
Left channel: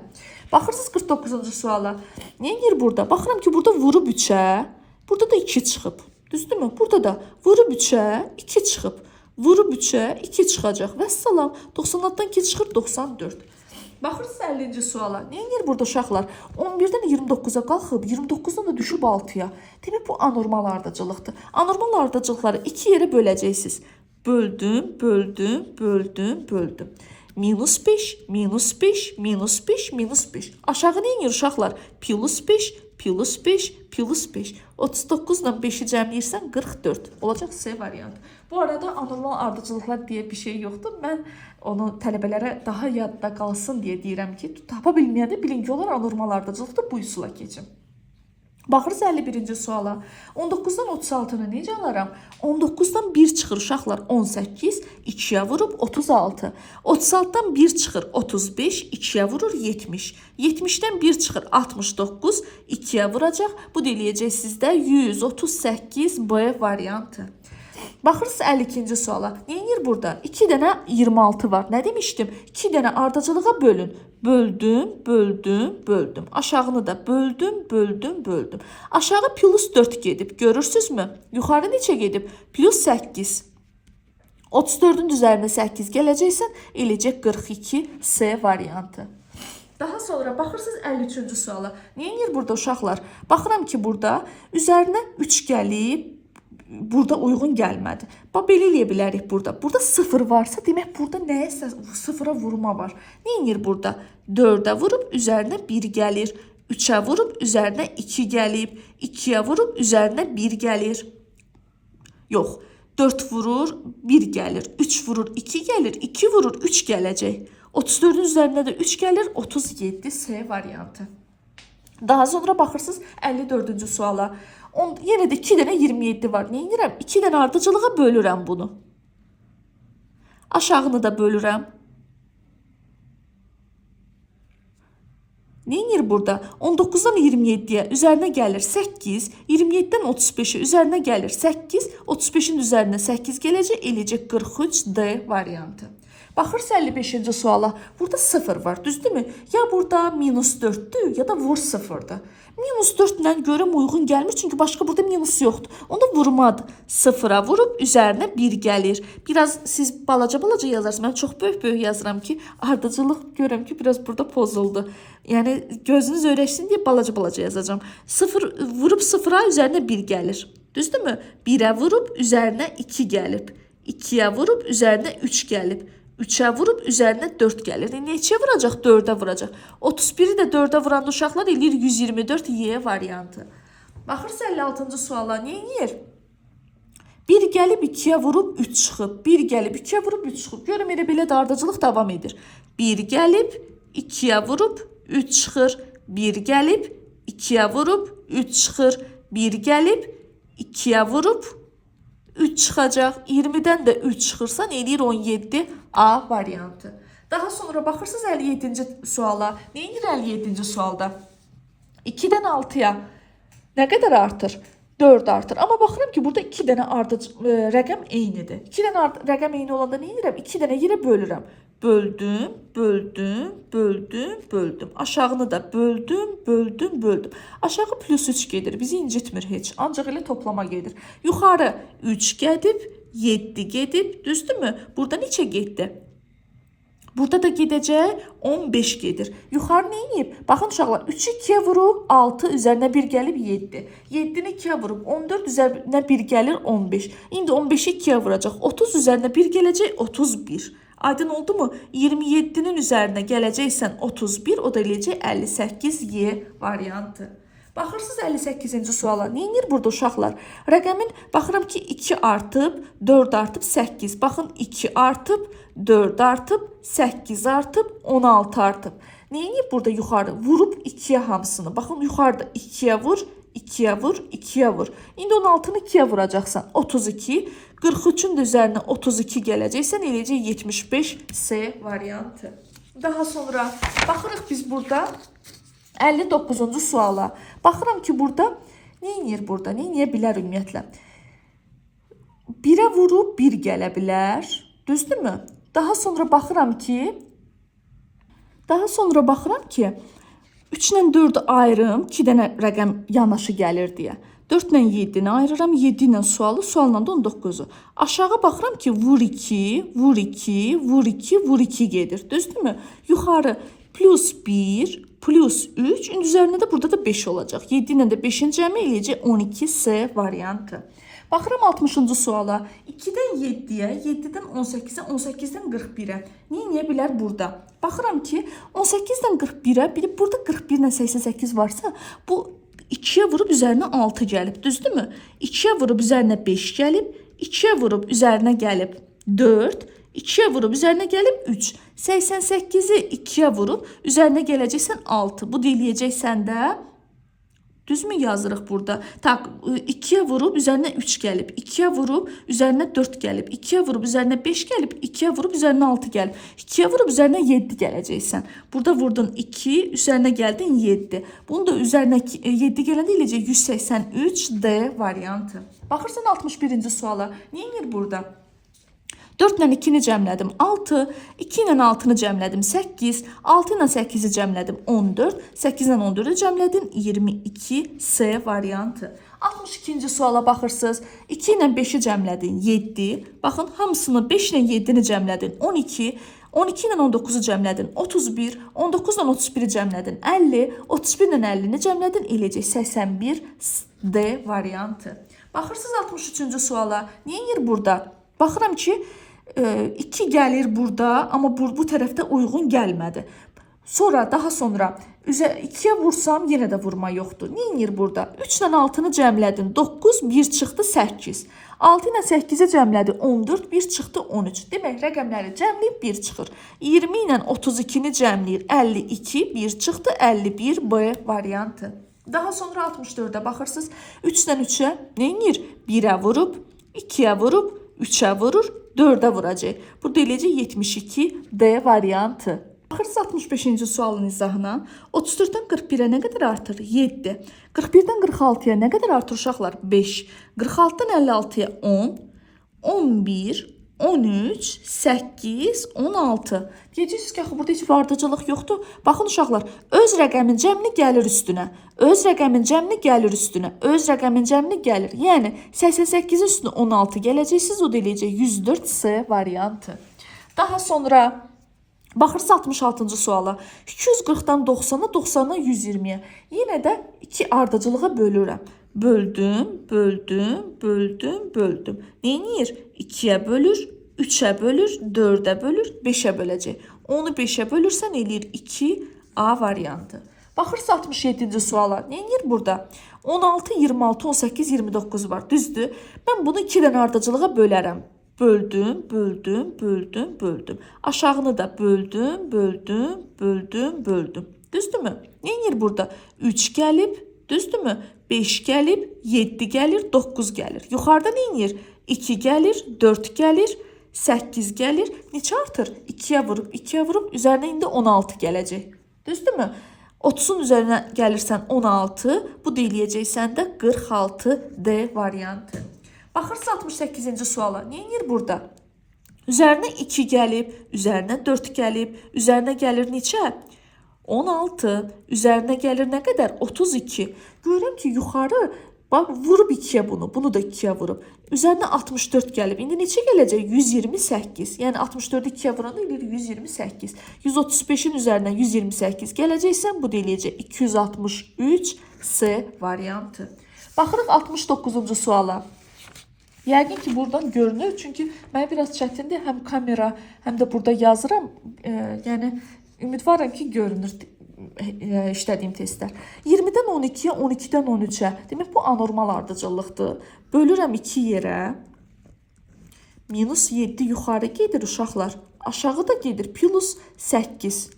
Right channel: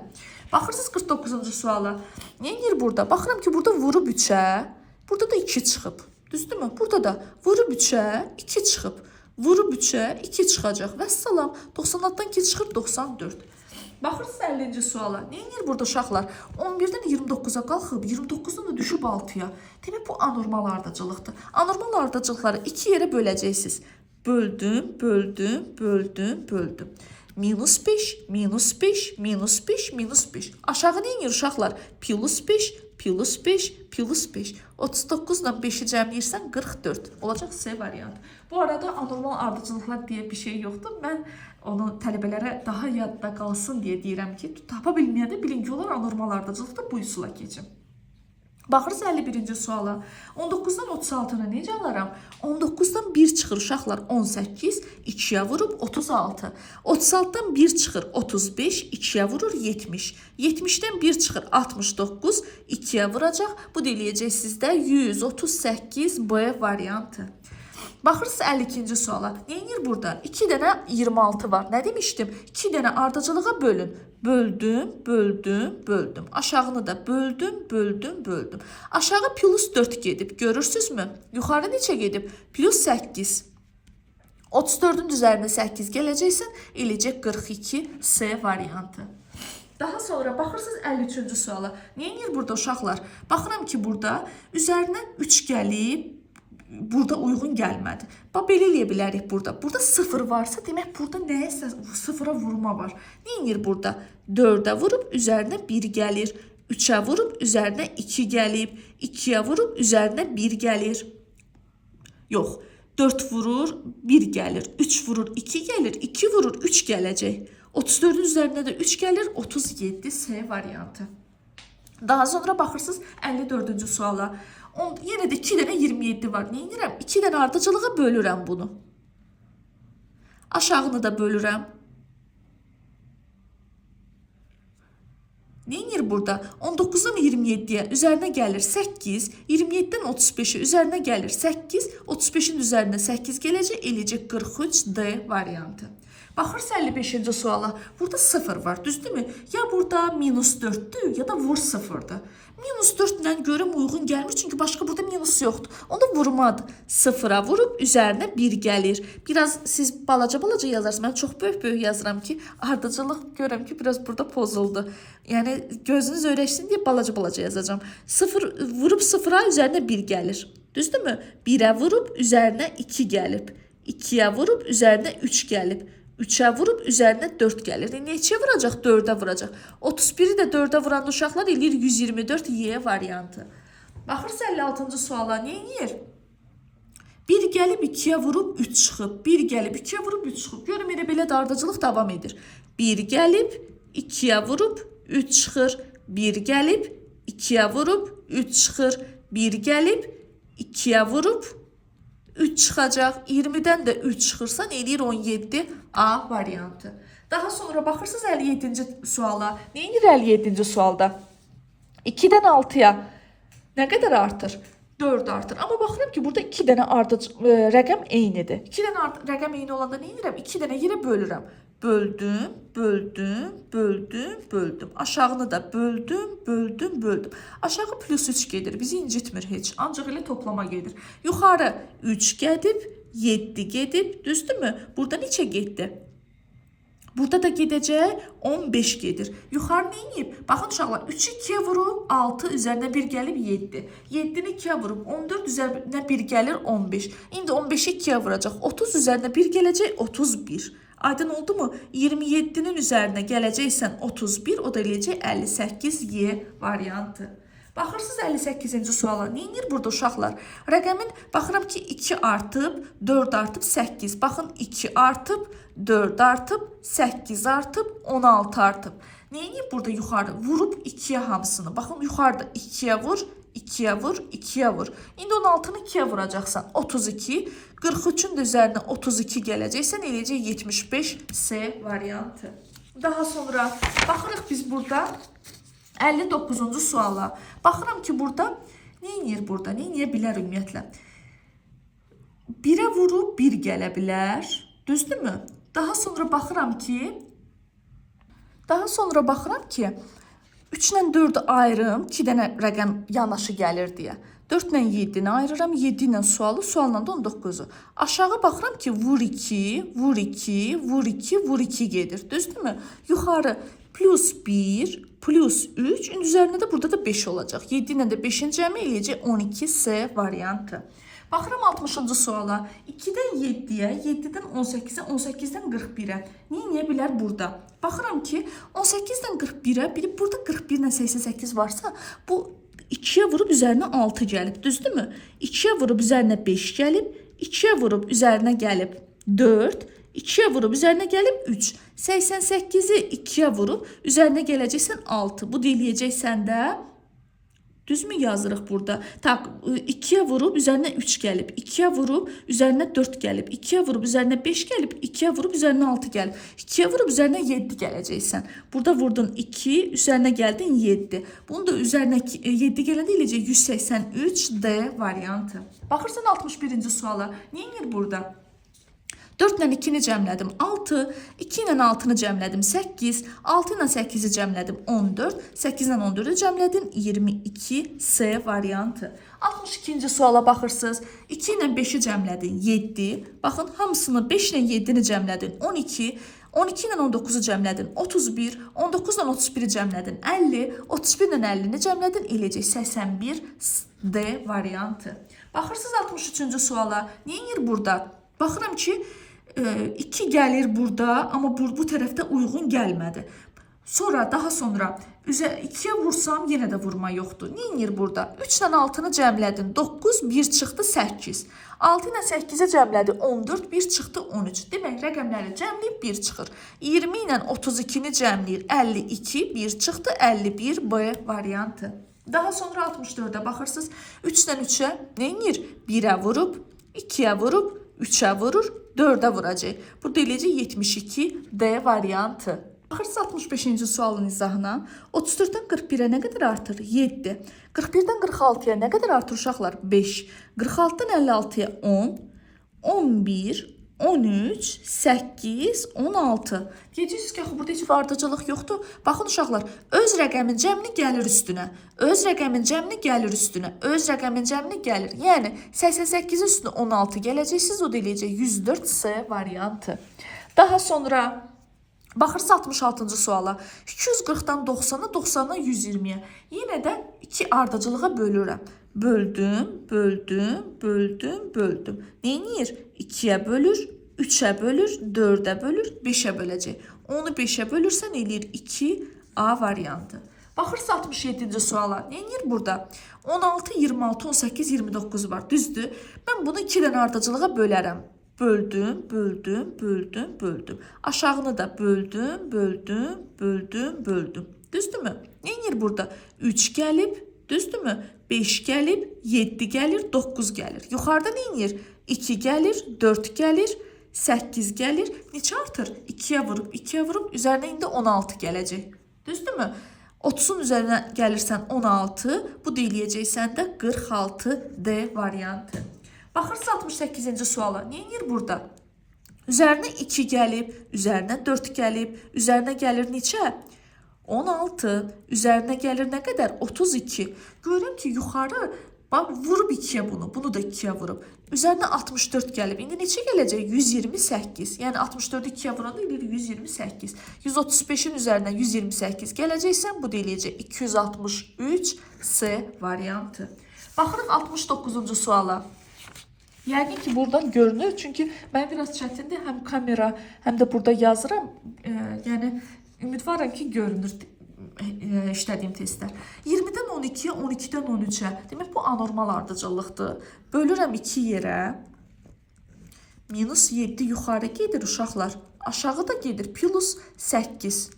Baxırsınız 49-cu suala. Neyinir burada? Baxıram ki, burada vurub 3-ə, burada da 2 çıxıb. Düzdürmü? Burada da vurub 3-ə, 2 çıxıb. Vurub 3-ə, 2 çıxacaq. Vəssalam, 96-dan 2 çıxır, 94. Baxırsınız 50-ci suala. Neyinir burada uşaqlar? 11-dən 29-a qalxıb, 29-dan da düşüb 6-ya. Demək, bu anormal ardıcılıqdır. Anormal ardıcılıqları 2 yerə böləcəksiniz. Böldüm, böldüm, böldüm, böldüm. Minus 5, minus 5, minus 5, minus 5. Aşağı neyinir uşaqlar? Plus 5, plus 5, plus 5. 39 ilə 5-i cəmləyirsən 44. Olacaq C variantı. Bu arada anormal ardıcılıqlar deyə bir şey yoxdur. Mən onu tələbələrə daha yadda qalsın deyə deyirəm ki, tapa bilməyəndə bilin ki, onlar anormal ardıcılıqdır, bu üsula keçin. Baxırız 51-ci suala. 19-dan 36-nı necə alaram? 19-dan 1 çıxır uşaqlar 18, 2-yə vurub 36. 36-dan 1 çıxır 35, 2-yə vurur 70. 70-dən 1 çıxır 69, 2-yə vuracaq. Bu da eləyəcək sizdə 138 B variantı. Baxırsınız 52-ci suala. Neyinir burada? 2 dənə 26 var. Nə demişdim? 2 dənə ardıcılığa bölün. Böldüm, böldüm, böldüm. Aşağını da böldüm, böldüm, böldüm. Aşağı plus 4 gedib. Görürsünüzmü? Yuxarı neçə gedib? Plus 8. 34-ün üzərində 8 gələcəksən, eləcək 42 C variantı. Daha sonra baxırsınız 53-cü suala. Neyinir burada uşaqlar? Baxıram ki, burada üzərinə 3 gəlib, burada uyğun gəlmədi. Bax, belə eləyə bilərik burada. Burada 0 varsa, demək burada nəyəsə 0-a vurma var. Neyinir burada? 4-ə vurub, üzərinə 1 gəlir. 3'ə vurub üzərinə 2 gəlib. 2'yə vurub üzərinə 1 gəlir. Yox, 4 vurur 1 gəlir. 3 vurur 2 gəlir. 2 vurur 3 gələcək. 34'ün üzərində də 3 gəlir. 37 C variantı. Daha sonra baxırsınız 54-cü suala. Yenə də 2 dənə 27 var. Nə edirəm? 2 dənə ardıcılığa bölürəm bunu. Aşağını da bölürəm. Nə edir burada? 19'dan 27'ye üzərinə gəlir 8, 27'den 35'e üzərinə gəlir 8, 35'in üzərinə 8 gələcək, eləcək 43 D variantı. Baxırız 55-ci suala. Burada 0 var, düzdürmü? Ya burada minus 4'dür, ya da vur 0'dır. Minus 4 ilə görüm uyğun gəlmir, çünki başqa burada minus yoxdur. Onu vurmadı. 0'a vurub üzərinə 1 gəlir. Biraz siz balaca yazarsınız. Mən çox böyük yazıram ki, ardıcılıq görürəm ki, biraz burada pozuldu. Yəni gözünüz öyrəşsin deyə balaca yazacağım. 0 vurub 0'a üzərinə 1 gəlir. Düzdürmü? 1'ə vurub üzərinə 2 gəlib. 2'yə vurub üzərinə 3 gəlib. 3'ə vurub üzərinə 4 gəlir. Neçəyə vuracaq? 4'ə vuracaq. 31'i də 4'ə vuran uşaqlar eləyir 124 Y variantı. Baxırız 56-cı suala. Nə edir? 1 gəlib 2'yə vurub 3 çıxıb. 1 gəlib 2'yə vurub 3 çıxıb. Görüm elə belə də ardıcılıq davam edir. 1 gəlib 2'yə vurub 3 çıxır. 1 gəlib 2'yə vurub 3 çıxır. 1 gəlib 2'yə vurub 3 çıxacaq. 20'dən də 3 çıxırsan eləyir 17 A variantı. Daha sonra baxırsınız 57-ci suala. Nə edir 57-ci sualda? 2'dən 6'ya nə qədər artır? 4 artır. Amma baxıram ki, burada 2 dənə rəqəm eynidir. 2 dənə rəqəm eyni olanda nə edirəm? 2 dənə yerə bölürəm. Böldüm, böldüm, böldüm, böldüm. Aşağını da böldüm, böldüm, böldüm. Aşağı plus 3 gedir. Bizi incitmir heç. Ancaq elə toplama gedir. Yuxarı 3 gedib, 7 gedib. Düzdürmü? Burada neçə getdi? Burada da gedəcək 15 gedir. Yuxarı nə edib? Baxın uşaqlar, 3'ü 2'yə vurub 6, üzərinə 1 gəlib 7. 7'ni 2'yə vurub 14, üzərinə 1 gəlir 15. İndi 15'i 2'yə vuracaq. 30 üzərinə 1 gələcək 31. Aydın oldu mu? 27'nin üzərinə gələcəksən 31, o da eləyəcək 58 Y variantı. Baxırsınız 58-ci suala. Nə edir burada uşaqlar? Rəqəmin baxıram ki 2 artıb, 4 artıb, 8. Baxın 2 artıb, 4 artıb, 8 artıb, 16 artıb. Nə edir burada yuxarı? Vurub 2'yə hamısını. Baxın yuxarıda 2'yə vur, 2'yə vur, 2'yə vur. İndi 16'nı 2'yə vuracaqsan 32. 43'ün də üzərinə 32 gələcəksən eləyəcək 75 C variantı. Daha sonra baxırıq biz burada 59-cu suala. Baxıram ki burada nə edir burada? Nə edə bilər ümumiyyətlə? 1'ə vurub 1 gələ bilər. Düzdürmü? Daha sonra baxıram ki 3 ilə 4'ü ayırım, 2 dənə rəqəm yanaşı gəlir deyə. 4 ilə 7'ni ayırıram, 7 ilə sualla da 19'u. Aşağı baxıram ki vur 2, vur 2, vur 2, vur 2 gedir. Düzdürmü? Yuxarı plus 1, plus 3, üzərində də burada da 5 olacaq. 7 ilə də 5'in cəmi eləyəcək 12 C variantı. Baxıram 60-cı suala. 2'dən 7'yə, 7'dən 18'ə, 18'dən 41'ə. Nə bilər burada? Baxıram ki 18'dən 41'ə, burada 41 ilə 88 varsa, bu 2'yə vurub üzərinə 6 gəlib, düzdürmü? 2'yə vurub üzərinə 5 gəlib, 2'yə vurub üzərinə gəlib 4, 2'yə vurub üzərinə gəlib 3. 88'i 2'yə vurub üzərinə gələcəksən 6. Bu deyiləcəksən də düzmü yazırıq burada? Tak, 2'yə vurub üzərinə 3 gəlib, 2'yə vurub üzərinə 4 gəlib, 2'yə vurub üzərinə 5 gəlib, 2'yə vurub üzərinə 6 gəlib, 2'yə vurub üzərinə 7 gələcəksən. Burada vurdun 2, üzərinə gəldin 7. Bunu da üzərinə 7 gələndə eləcək 183 D variantı. Baxırsan 61-ci suala. Nə edir burada? 4 ilə 2'ni cəmlədim 6, 2 ilə 6'nı cəmlədim 8, 6 ilə 8'i cəmlədim 14, 8 ilə 14'ü cəmlədim 22 C variantı. 62-ci suala baxırsınız. 2 ilə 5'i cəmlədin 7, baxın hamısını 5 ilə 7'ni cəmlədin 12, 12 ilə 19'u cəmlədin 31, 19 ilə 31'i cəmlədin 50, 31 ilə 50'ni cəmlədin eləcək 81 D variantı. Baxırsınız 63-cü suala. Nə edir burada? Baxıram ki 2 gəlir burada, amma bu tərəfdə uyğun gəlmədi. Sonra daha sonra 2-yə vursam yenə də vurma yoxdur. Neyinir burada? 3 ilə 6-nı cəmlədin 9, 1 çıxdı 8. 6 ilə 8-i cəmlədi 14, 1 çıxdı 13. Demək, rəqəmləri cəmləyib 1 çıxır. 20 ilə 32-ni cəmləyir 52, 1 çıxdı 51 B variantı. Daha sonra 64-ə baxırsınız. 3 ilə 3-ə neyinir? 1-ə vurub, 2-yə vurub, 3-ə vurur, 4-ə vuracaq. Burada eləyəcək 72 D variantı. Baxırsınız 65-ci sualın izahına. 34-dən 41-ə nə qədər artır? 7. 41-dən 46-ya nə qədər artır uşaqlar? 5. 46-dan 56-ya 10. 11, 13, 8, 16. Deyəcəksiniz ki, axı burada heç bir ardıcılıq yoxdur. Baxın uşaqlar, öz rəqəmin cəmini gəlir üstünə. Öz rəqəmin cəmini gəlir üstünə. Öz rəqəmin cəmini gəlir. Yəni 88-in üstünə 16 gələcəksiniz, o da eləyəcək 104 C variantı. Daha sonra baxırsınız 66-cı suala. 240-dan 90-a, 90-dan 120-yə. Yenə də 2 ardıcılığa bölürəm. Böldüm, böldüm, böldüm, böldüm. Neyinir? 2-yə bölür, 3-ə bölür, 4-ə bölür, 5-ə böləcək. Onu 5-ə bölürsən eləyir 2A variantı. Baxırsınız 67-ci suala. Neyinir burada? 16, 26, 18, 29 var. Düzdür? Mən bunu 2 dənə ardıcılığa bölərəm. Böldüm, böldüm, böldüm, böldüm. Aşağını da böldüm, böldüm, böldüm, böldüm. Düzdürmü? Neyinir burada? 3 gəlib, düzdürmü? 5 gəlib, 7 gəlir, 9 gəlir. Yuxarıda neyinir? 2 gəlir, 4 gəlir, 8 gəlir. Neçə artır? 2-yə vurub, 2-yə vurub, üzərinə indi 16 gələcək. Düzdürmü? 30-un üzərinə gəlirsən 16, bu da eləyəcəksən də 46 D variantı. Baxırsınız 68-ci suala. Neyinir burada? Üzərinə 2 gəlib, üzərinə 4 gəlib, üzərinə gəlir neçə? 16. Üzərinə gəlir nə qədər? 32. Görürəm ki, yuxarı vurub 2-yə bunu, bunu da 2-yə vurub. Üzərinə 64 gəlib. İndi neçə gələcək? 128. Yəni 64-ü 2-yə vuranda eləyir 128. 135-in üzərinə 128 gələcəksən, bu da eləyəcək 263 C variantı. Baxırıq 69-cu suala. Yəqin ki, buradan görünür. Çünki mən biraz çətindir. Həm kamera, həm də burada yazıram. Yəni, ümidvaram ki, görünür işlədiyim testlər. 20-dən 12-yə, 12-dən 13-ə. Demək, bu anormal ardıcıllıqdır. Bölürəm 2 yerə. Minus 7 yuxarı gedir uşaqlar. Aşağı da gedir. Plus 8.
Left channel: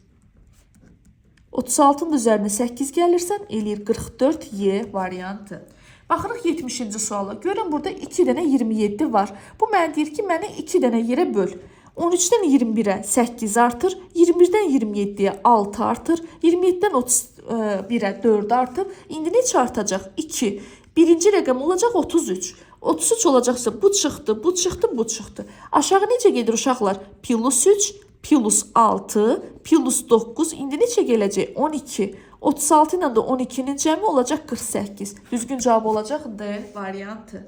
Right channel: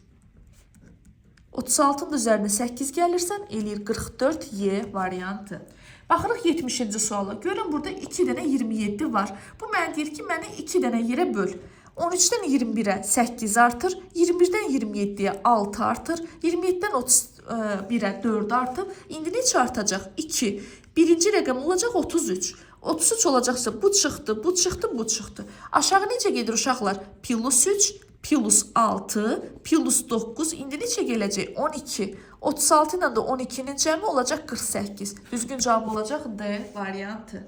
36-nın üzərinə 8 gəlirsən, eləyir 44 Y variantı. Baxırıq 70-ci suala. Görün burada 2 dənə 27 var. Bu mənə deyir ki, məni 2 dənə yerə böl. 13-dən 21-ə 8 artır. 21-dən 27-yə 6 artır. 27-dən 31-ə 4 artır. İndi neçə artacaq? 2. Birinci rəqəm olacaq 33. 33 olacaqsa bu çıxdı, bu çıxdı, bu çıxdı. Aşağı necə gedir uşaqlar? Plus 3, plus 6, plus 9. İndi neçə gələcək? 12. 36 ilə də 12-nin cəmi olacaq 48. Düzgün cavab olacaq D variantı.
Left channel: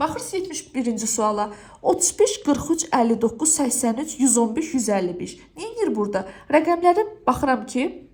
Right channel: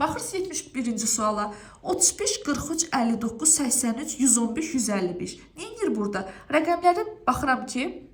Baxırsınız 71-ci suala. 35, 43, 59, 83, 115, 155. Neyinir burada? Rəqəmlərin baxıram ki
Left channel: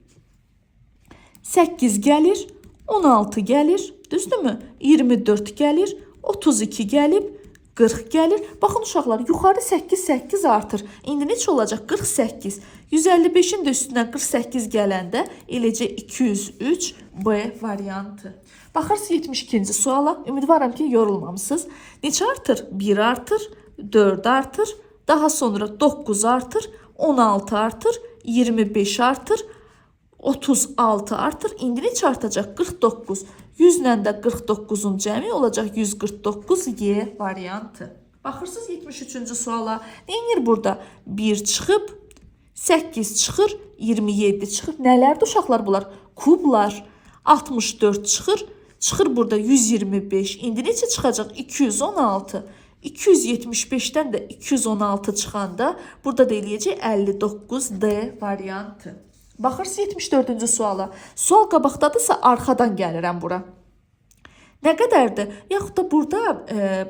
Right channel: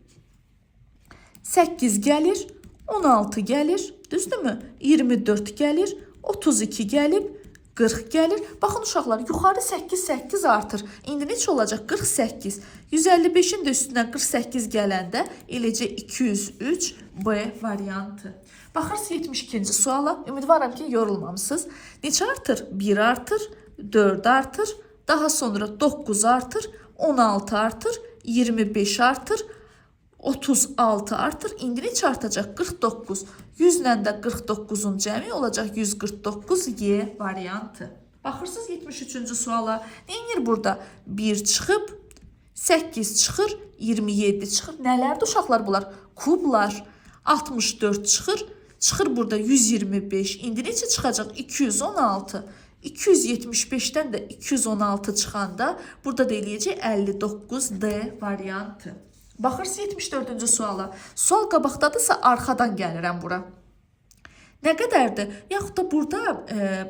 8 gəlir, 16 gəlir, düzdürmü? 24 gəlir, 32 gəlib, 40 gəlir. Baxın uşaqlar, yuxarı 8, 8 artır. İndi neçə olacaq? 48. 155-in də üstündən 48 gələndə eləcək 203 B variantı. Baxırsınız 72-ci suala. Ümidvaram ki, yorulmamısınız. Neçə artır? 1 artır, 4 artır, daha sonra 9 artır, 16 artır, 25 artır, 36 artır. İndi neçə artacaq? 49. 100 ilə də 49-un cəmi olacaq 149 Y variantı. Baxırsınız 73-cü suala. Neyinir burada? 1 çıxıb, 8 çıxır, 27 çıxır. Nələrdir uşaqlar bunlar? Kublar. 64 çıxır. Çıxır burada 125. İndi neçə çıxacaq? 216. 275-dən də 216 çıxanda burada da eləyəcək 59 D variantı. Baxırsınız 74-cü suala. Sual qabaqdadırsa arxadan gəlirəm bura. Nə qədərdir? Yaxud da burada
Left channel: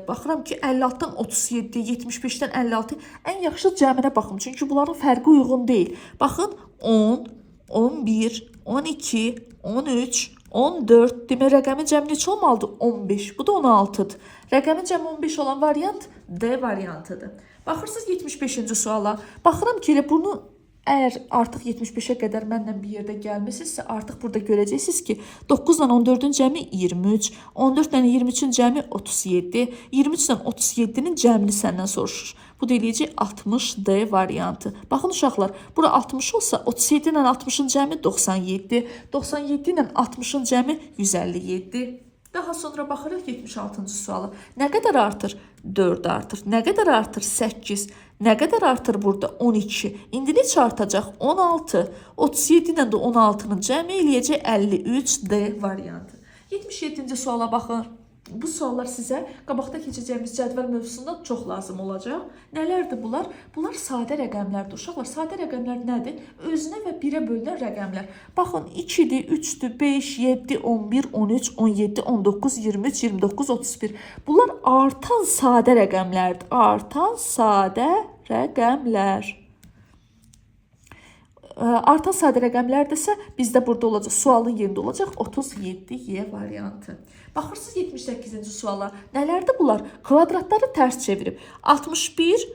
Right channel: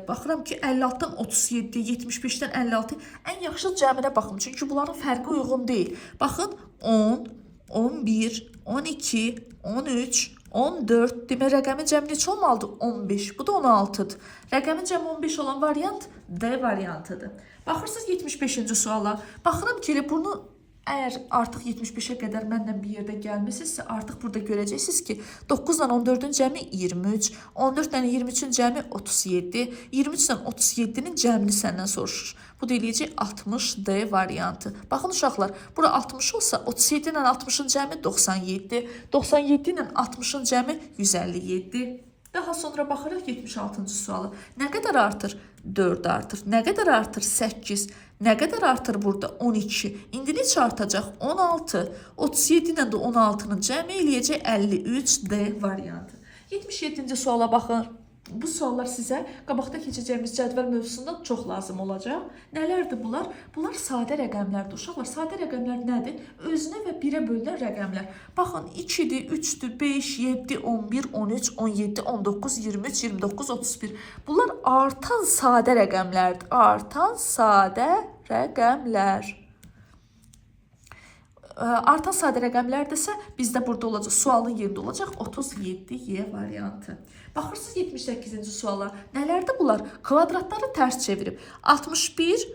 baxıram ki 56-dan 37, 75-dən 56 ən yaxşı cəminə baxın. Çünki bunların fərqi uyğun deyil. Baxın 10, 11, 12, 13, 14. Demək rəqəmin cəmi neçə olmalıdır? 15. Bu da 16-dır. Rəqəmin cəmi 15 olan variant D variantıdır. Baxırsınız 75-ci suala. Baxıram ki elə bunu Əgər artıq 75-ə qədər mənlə bir yerdə gəlmisinizsə, artıq burada görəcəksiniz ki, 9 ilə 14-ün cəmi 23, 14 ilə 23-ün cəmi 37, 23 ilə 37-nin cəmini səndən soruşur. Bu da eləyəcək 60D variantı. Baxın uşaqlar, bura 60 olsa 37 ilə 60-ın cəmi 97, 97 ilə 60-ın cəmi 157. Daha sonra baxırıq 76-cı suala. Nə qədər artır? 4 artır. Nə qədər artır? 8. Nə qədər artır burada? 12. İndi neçə artacaq? 16. 37 ilə də 16-nın cəmi eləyəcək 53D variantı. 77-ci suala baxın. Bu suallar sizə qabaqda keçəcəyimiz cədvəl mövzusunda çox lazım olacaq. Nələrdir bunlar? Bunlar sadə rəqəmlərdir. Uşaqlar, sadə rəqəmlər nədir? Özünə və birə bölünən rəqəmlər. Baxın, 2-dir, 3-dür, 5, 7, 11, 13, 17, 19, 23, 29, 31. Bunlar artan sadə rəqəmlərdir. Artan sadə rəqəmlər. Artan sadə rəqəmlərdirsə, bizdə burada olacaq, sualın yerində olacaq 37Y variantı. Baxırsınız 78-ci suala. Nələrdir bunlar? Kvadratları tərs çevirib. 61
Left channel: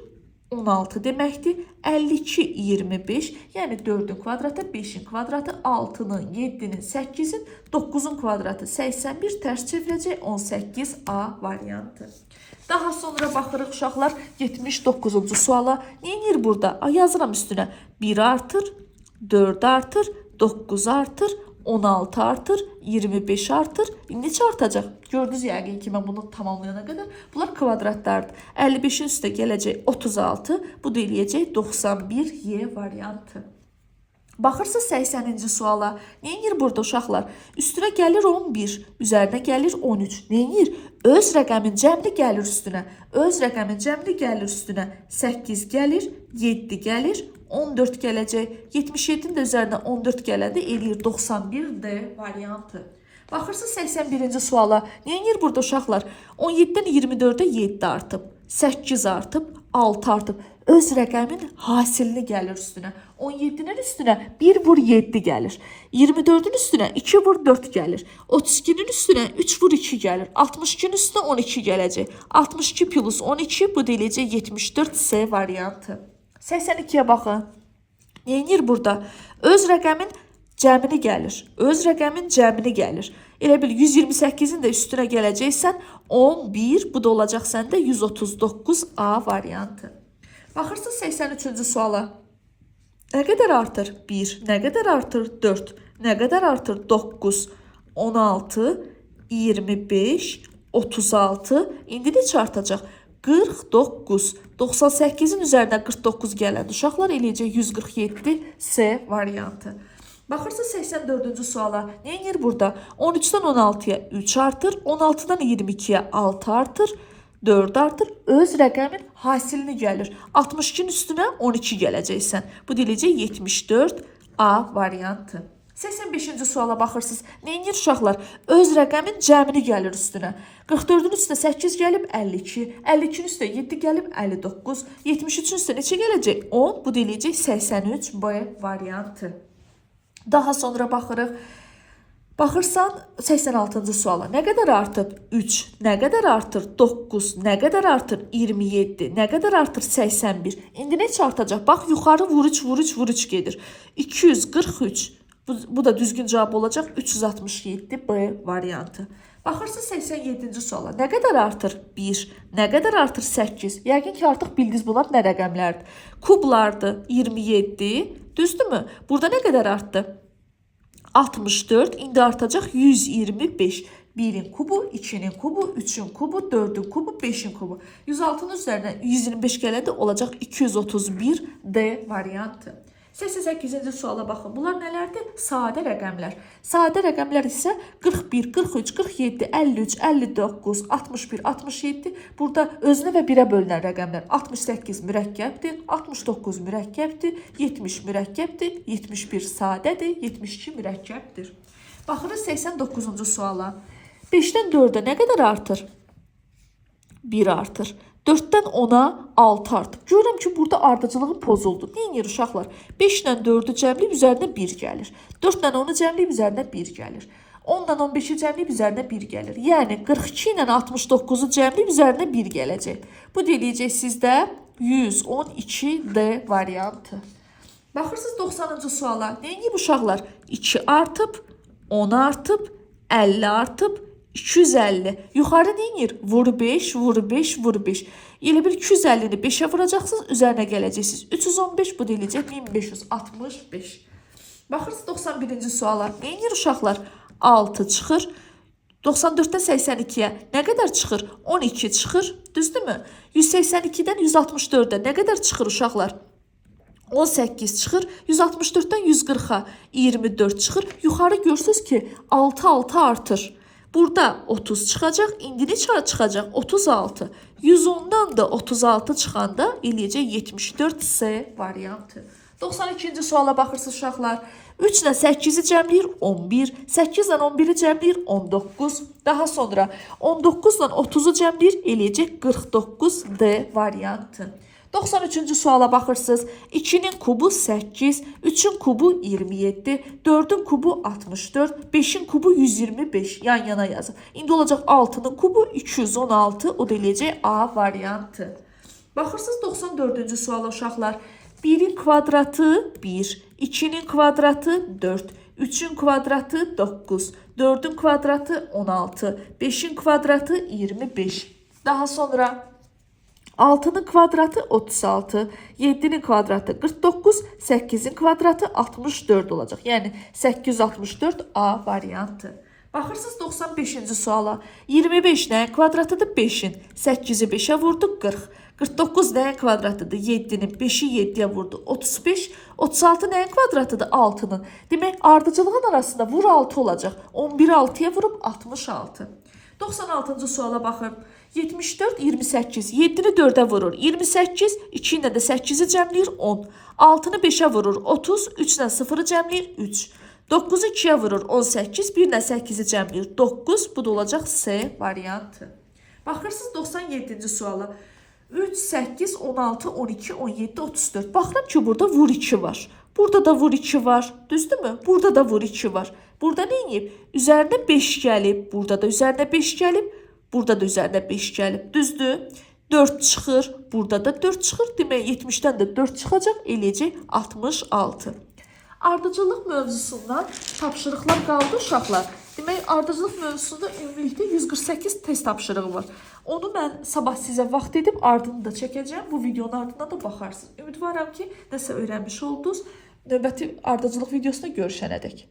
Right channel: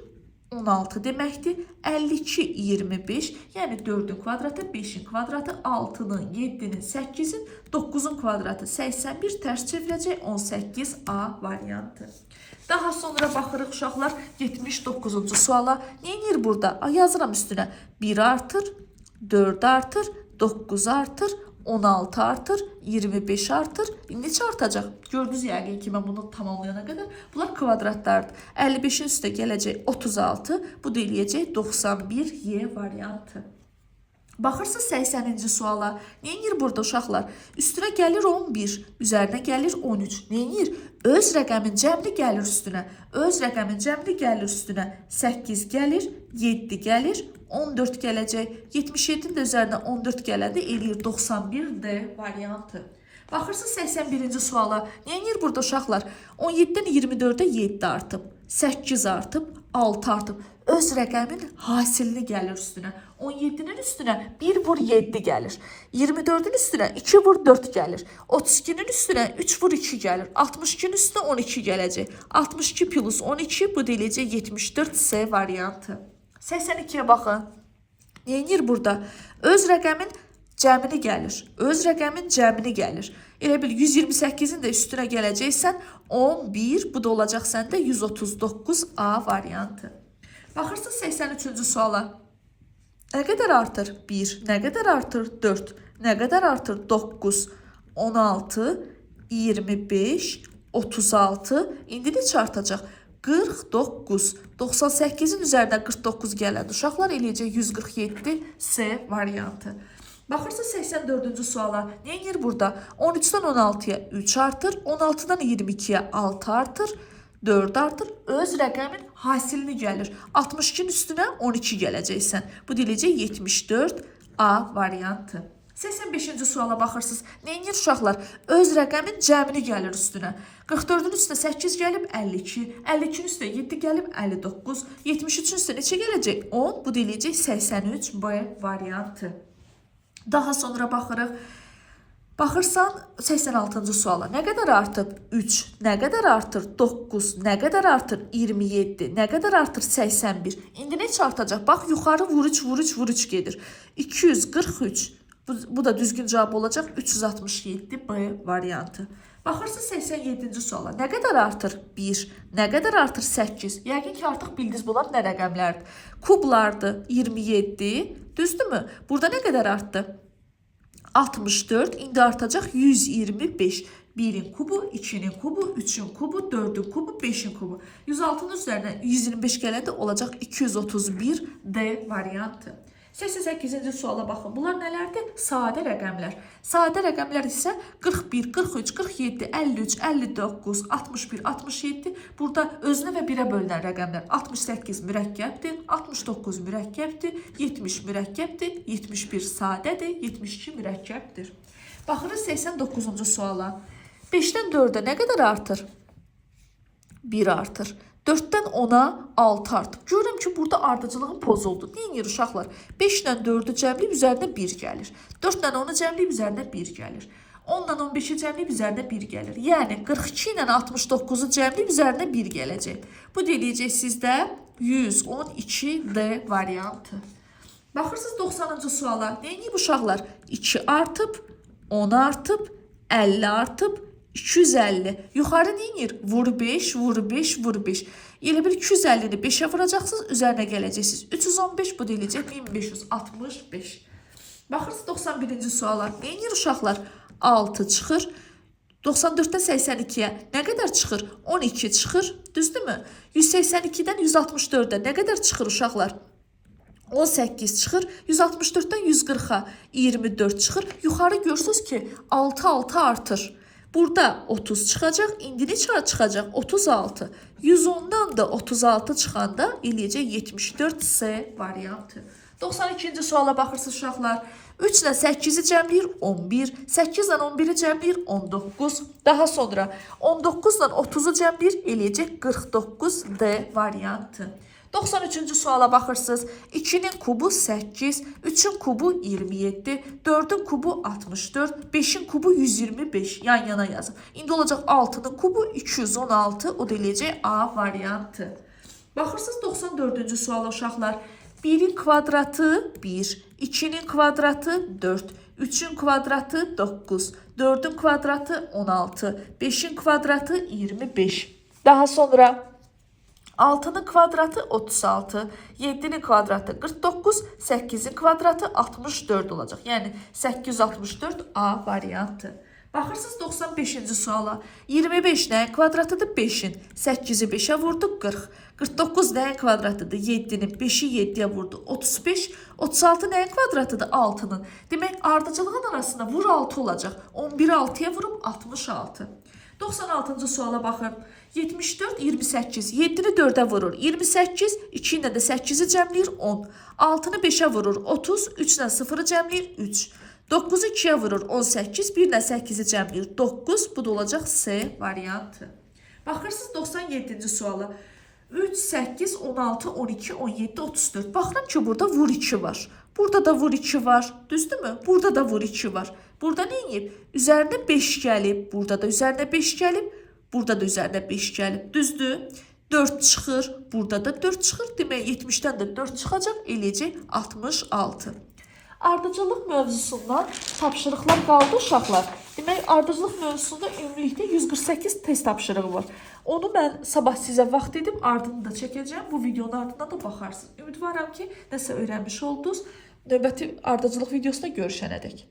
16 deməkdir. 52 25, yəni 4-ün kvadratı, 5-in kvadratı, 6-nın, 7-nin, 8-in, 9-un kvadratı 81 tərs çevirəcək 18A variantı. Daha sonra baxırıq uşaqlar 79-cu suala. Neyinir burada? Yazıram üstünə. 1 artır, 4 artır, 9 artır, 16 artır, 25 artır. Neçə artacaq? Gördünüz yəqin ki, mən bunu tamamlayana qədər. Bunlar kvadratlardır. 55-in üstə gələcək 36. Bu da eləyəcək 91Y variantı. Baxırsınız 80-ci suala. Neyinir burada uşaqlar? Üstünə gəlir 11, üzərinə gəlir 13. Neyinir? Öz rəqəmin cəmli gəlir üstünə. Öz rəqəmin cəmli gəlir üstünə. 8 gəlir, 7 gəlir, 14 gələcək. 77-nin də üzərinə 14 gələndə eləyir 91D variantı. Baxırsınız 81-ci suala. Neyinir burada uşaqlar? 17-dən 24-ə 7 artıb, 8 artıb, 6 artıb. Öz rəqəmin hasilini gəlir üstünə. 17-nin üstünə 1 vur 7 gəlir. 24-ün üstünə 2 vur 4 gəlir. 32-nin üstünə 3 vur 2 gəlir. 62-nin üstünə 12 gələcək. 62 plus 12 bu da eləyəcək 74C variantı. 82-yə baxın. Neyinir burada? Öz rəqəmin cəmini gəlir. Öz rəqəmin cəmini gəlir. Elə bil 128-in də üstünə gələcəksən 11, bu da olacaq səndə 139A variantı. Baxırsınız 83-cü suala. Nə qədər artır? 1. Nə qədər artır? 4. Nə qədər artır? 9, 16, 25, 36. İndi neçə artacaq? 49. 98-in üzərinə 49 gələn uşaqlar eləyəcək 147C variantı. Baxırsınız 84-cü suala. Neyinir burada? 13-dən 16-ya 3 artır, 16-dan 22-yə 6 artır, 4 artır. Öz rəqəmin hasilini gəlir. 62-nin üstünə 12 gələcəksən. Bu deyiləcək 74A variantı. 85-ci suala baxırsınız. Neyinir uşaqlar? Öz rəqəmin cəmini gəlir üstünə. 44-ün üstə 8 gəlib 52. 52-nin üstə 7 gəlib 59. 73-ün üstə neçə gələcək? 10. Bu deyiləcək 83B variantı. Daha sonra baxırıq. Baxırsan 86-cı suala. Nə qədər artıb? 3. Nə qədər artır? 9. Nə qədər artır? 27. Nə qədər artır? 81. İndi neçə artacaq? Bax, yuxarı vuruç, vuruç, vuruç gedir. 243. Bu da düzgün cavab olacaq. 367B variantı. Baxırsınız 87-ci suala. Nə qədər artır? 1. Nə qədər artır? 8. Yəqin ki, artıq bildiniz bunlar nə rəqəmlərdir? Kublardır. 27. Düzdürmü? Burada nə qədər artdı? 64, indi artacaq 125. 1-in kubu, 2-nin kubu, 3-ün kubu, 4-ün kubu, 5-in kubu. 106-nın üzərinə 125 gələndə olacaq 231D variantı. 88-ci suala baxın. Bunlar nələrdir? Sadə rəqəmlər. Sadə rəqəmlər isə 41, 43, 47, 53, 59, 61, 67. Burada özünə və birə bölünən rəqəmlər. 68 mürəkkəbdir, 69 mürəkkəbdir, 70 mürəkkəbdir, 71 sadədir, 72 mürəkkəbdir. Baxırız 89-cu suala. 5-dən 4-ə nə qədər artır? 1 artır. 4-dən 10-a 6 artıb. Görürəm ki, burada ardıcılığın pozuldu. Neyinir uşaqlar? 5-dən 4-ü cəmliyib üzərinə 1 gəlir. 4-dən 10-u cəmliyib üzərinə 1 gəlir. 10-dan 15-i cəmliyib üzərinə 1 gəlir. Yəni 42 ilə 69-u cəmliyib üzərinə 1 gələcək. Bu da eləyəcək sizdə 112D variantı. Baxırsınız 90-cı suala. Neyini uşaqlar? 2 artıb, 10 artıb, 50 artıb, 250. Yuxarı neyinir? Vur 5, vur 5, vur 5. Elə bir 250-ni 5'ə vuracaqsınız, üzərinə gələcəksiniz. 315 bu deyiləcək 1565. Baxırsınız 91-ci suala. Neyinir uşaqlar? 6 çıxır. 94-dən 82-yə nə qədər çıxır? 12 çıxır. Düzdürmü? 182-dən 164-ə nə qədər çıxır uşaqlar? 18 çıxır. 164-dən 140-a 24 çıxır. Yuxarı görürsünüz ki 6 artır. Burada 30 çıxacaq. İndi neçə çıxacaq? 36. 110-dan da 36 çıxanda eləyəcək 74 C variantı. 92-ci suala baxırsınız uşaqlar. 3 ilə 8-i cəmləyir 11, 8 ilə 11-i cəmləyir 19. Daha sonra 19 ilə 30-u cəmləyir eləyəcək 49 D variantı. 93-cü suala baxırsınız. 2-nin kubu 8, 3-ün kubu 27, 4-ün kubu 64, 5-in kubu 125 yan yana yazın. İndi olacaq 6-nın kubu 216, o da eləyəcək A variantı. Baxırsınız 94-cü suala uşaqlar. 1-in kvadratı 1, 2-nin kvadratı 4, 3-ün kvadratı 9, 4-ün kvadratı 16, 5-in kvadratı 25. Daha sonra 6'nın kvadratı 36, 7'nin kvadratı 49, 8'in kvadratı 64 olacaq. Yəni 864 A variantı. Baxırsınız 95-ci suala. 25 nəyin kvadratıdır? 5-in. 8-i 5'ə vurdu 40. 49 nəyin kvadratıdır? 7-nin. 5'i 7'yə vurdu 35. 36 nəyin kvadratıdır? 6'nın. Demək ardıcılığın arasında vur 6 olacaq. 11'i 6'ya vurup 66. 96-cı suala baxın. 74, 28. 7-ni 4'ə vurur. 28, 2 ilə də 8-i cəmləyir 10. 6-nı 5'ə vurur. 30, 3 ilə 0-ı cəmləyir 3. 9'u 2'ye vurur 18, 1 ilə 8'i cəmləyir 9. Bu da olacaq C variantı. Baxırsınız 97-ci suala. 3, 8, 16, 12, 17, 34. Baxıram ki burada vur 2 var. Burada da vur 2 var. Düzdürmü? Burada da vur 2 var. Burada nə edib? Üzərinə 5 gəlib. Burada da üzərinə 5 gəlib. Burada da üzərinə 5 gəlib. Düzdür? 4 çıxır. Burada da 4 çıxır. Demək 70-dən də 4 çıxacaq. Eləyəcək 66. Ardıcıllıq mövzusundan tapşırıqlar qaldı uşaqlar. Demək, ardıcıllıq mövzusunda ümumilikdə 148 test tapşırığı var. Onu mən sabah sizə vaxt edib ardını da çəkəcəm. Bu videonun ardından da baxarsınız. Ümidvaram ki, nəsə öyrənmiş oldunuz. Növbəti ardıcıllıq videosunda görüşənədək.